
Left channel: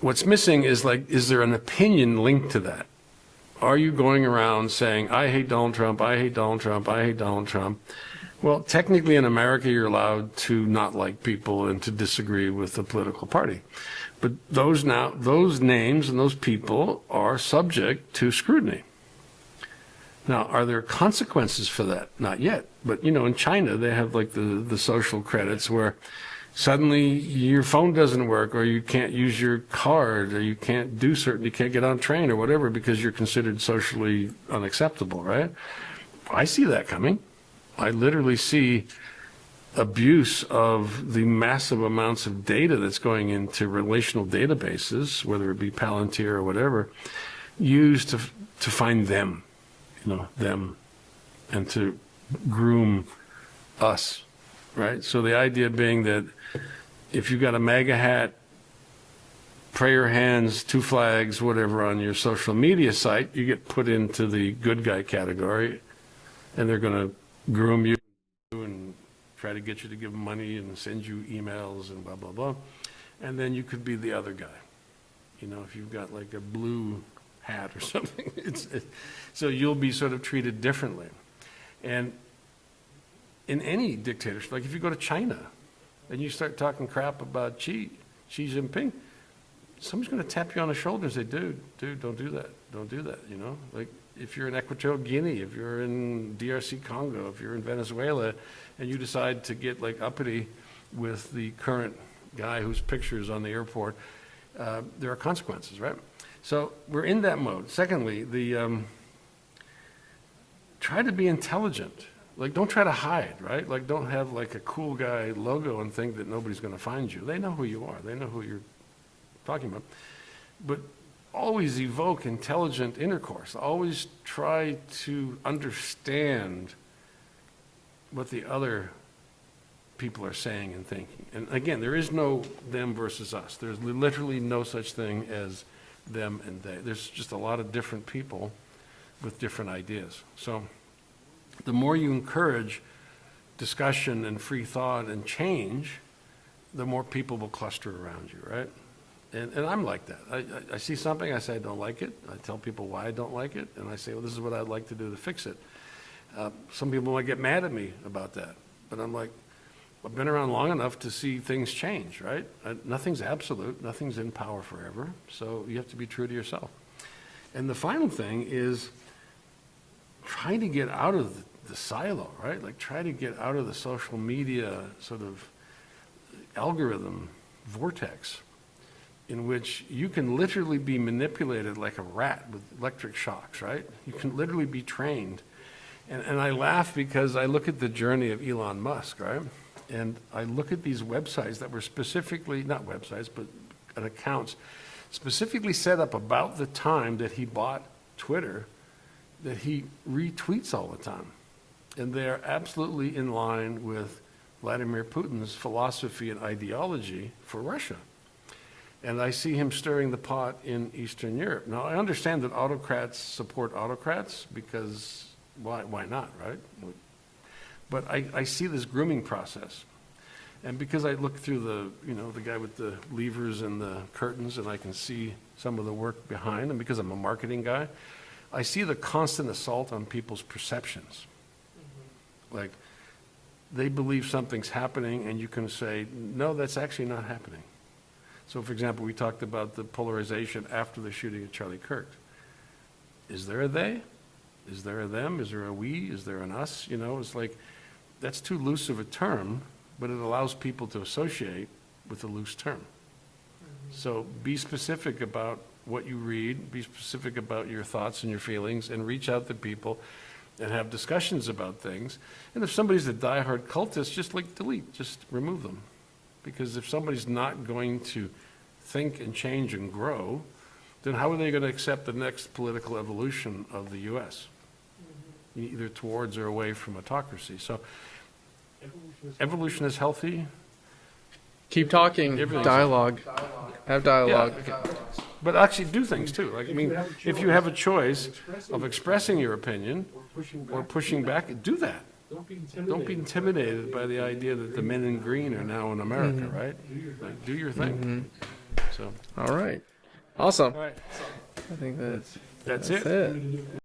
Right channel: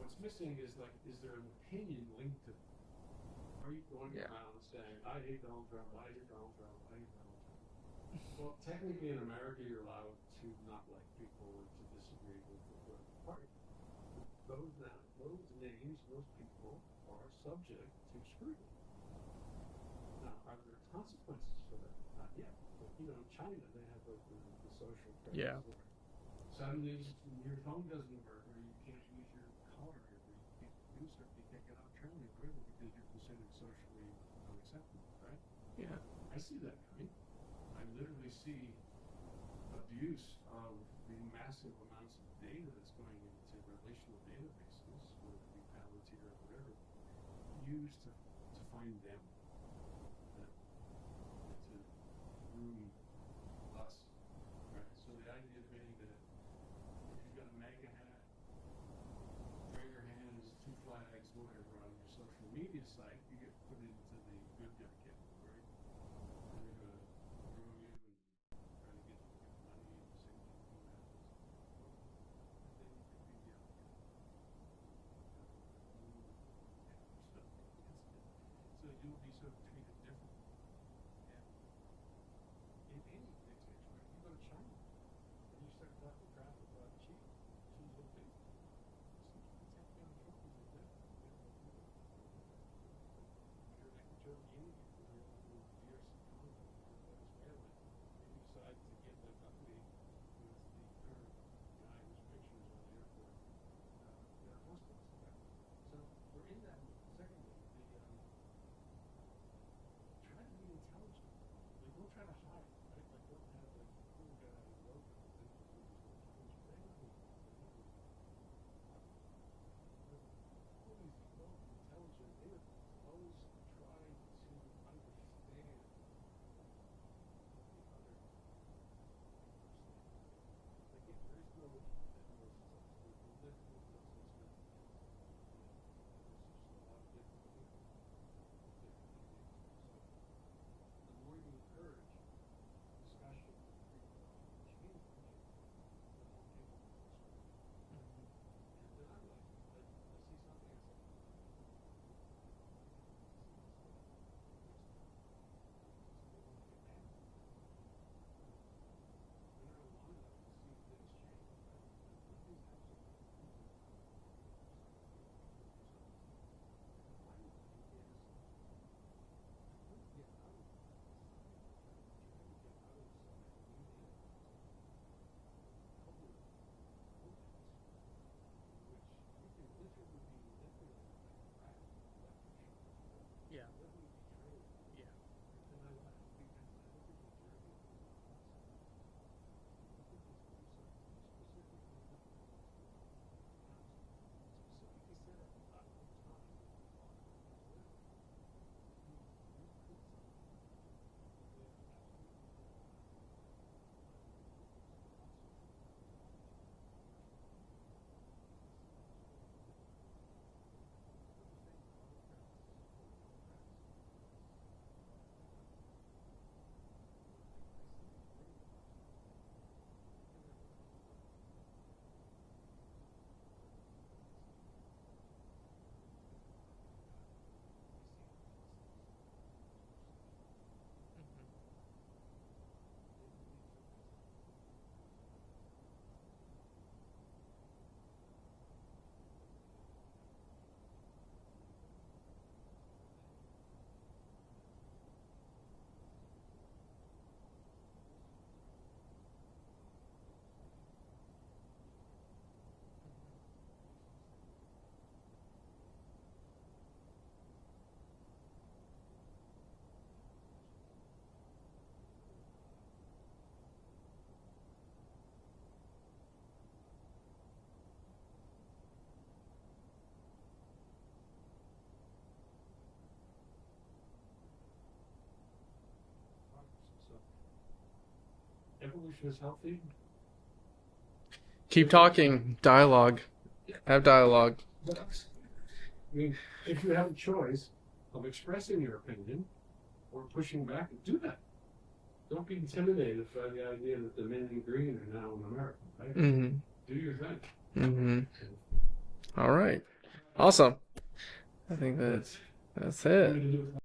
What's missing is is there an opinion linked to that? Are you going around saying, I hate Donald Trump, I hate Donald Trump, I hate Donald Trump? Well, technically in America, you're allowed to not like people and to disagree with the political party. But those names and those people are subject to scrutiny. Now, are there consequences for that? Not yet. But, in China, they have the social credits where suddenly your phone doesn't work, or you can't use your card, or you can't get on a train or whatever because you're considered socially unacceptable, right? I see that coming. I literally see abuse of the massive amounts of data that's going into relational databases, whether it be Palantir or whatever, used to find them, them, and to groom us, right? So the idea being that if you've got a MAGA hat, prayer hands, two flags, whatever, on your social media site, you get put into the good guy category, and they're going to groom you and try to get you to give them money and send you emails and blah, blah, blah. And then you could be the other guy, if you've got like a blue hat or something. So you'll be sort of treated differently. And in any dictatorship, like if you go to China and you start talking crap about Xi Jinping, somebody's going to tap you on the shoulder and say, dude, don't do that. Don't do that, Like if you're in Equatorial Guinea, if you're in DRC Congo, if you're in Venezuela, and you decide to get like uppity with the current guy whose picture is on the airport, there are consequences, right? So we're in that mode. Secondly, try to be intelligent. Like, don't try to hide, right? Like, don't have like a cool guy logo and think that nobody's going to find you. They know who you are. They know who you're talking about. But always evoke intelligent intercourse. Always try to understand what the other people are saying and thinking. And again, there is no them versus us. There's literally no such thing as them and they. There's just a lot of different people with different ideas. So the more you encourage discussion and free thought and change, the more people will cluster around you, right? And I'm like that. I see something, I say I don't like it. I tell people why I don't like it, and I say, well, this is what I'd like to do to fix it. Some people might get mad at me about that, but I'm like, I've been around long enough to see things change, right? Nothing's absolute, nothing's in power forever, so you have to be true to yourself. And the final thing is try to get out of the silo, right? Like try to get out of the social media sort of algorithm vortex in which you can literally be manipulated like a rat with electric shocks, right? You can literally be trained. And I laugh because I look at the journey of Elon Musk, right? And I look at these websites that were specifically, not websites, but accounts specifically set up about the time that he bought Twitter, that he retweets all the time. And they're absolutely in line with Vladimir Putin's philosophy and ideology for Russia. And I see him stirring the pot in Eastern Europe. Now, I understand that autocrats support autocrats because why not, right? But I see this grooming process. And because I look through the guy with the levers and the curtains, and I can see some of the work behind, and because I'm a marketing guy, I see the constant assault on people's perceptions. Like, they believe something's happening, and you can say, no, that's actually not happening. So, for example, we talked about the polarization after the shooting of Charlie Kirk. Is there a they? Is there a them? Is there a we? Is there an us? It's like, that's too loose of a term, but it allows people to associate with a loose term. So be specific about what you read, be specific about your thoughts and your feelings, and reach out to people and have discussions about things. And if somebody's a diehard cultist, just delete, just remove them. Because if somebody's not going to think and change and grow, then how are they going to accept the next political evolution of the U.S.? Either towards or away from autocracy. So evolution is healthy. Keep talking. Dialogue. Have dialogue. Yeah. But actually do things too. Like, if you have a choice of expressing your opinion or pushing back, do that. Don't be intimidated by the idea that the men in green are now in America, right? Do your thing. So. All right. Awesome. All right. I think that's it. it.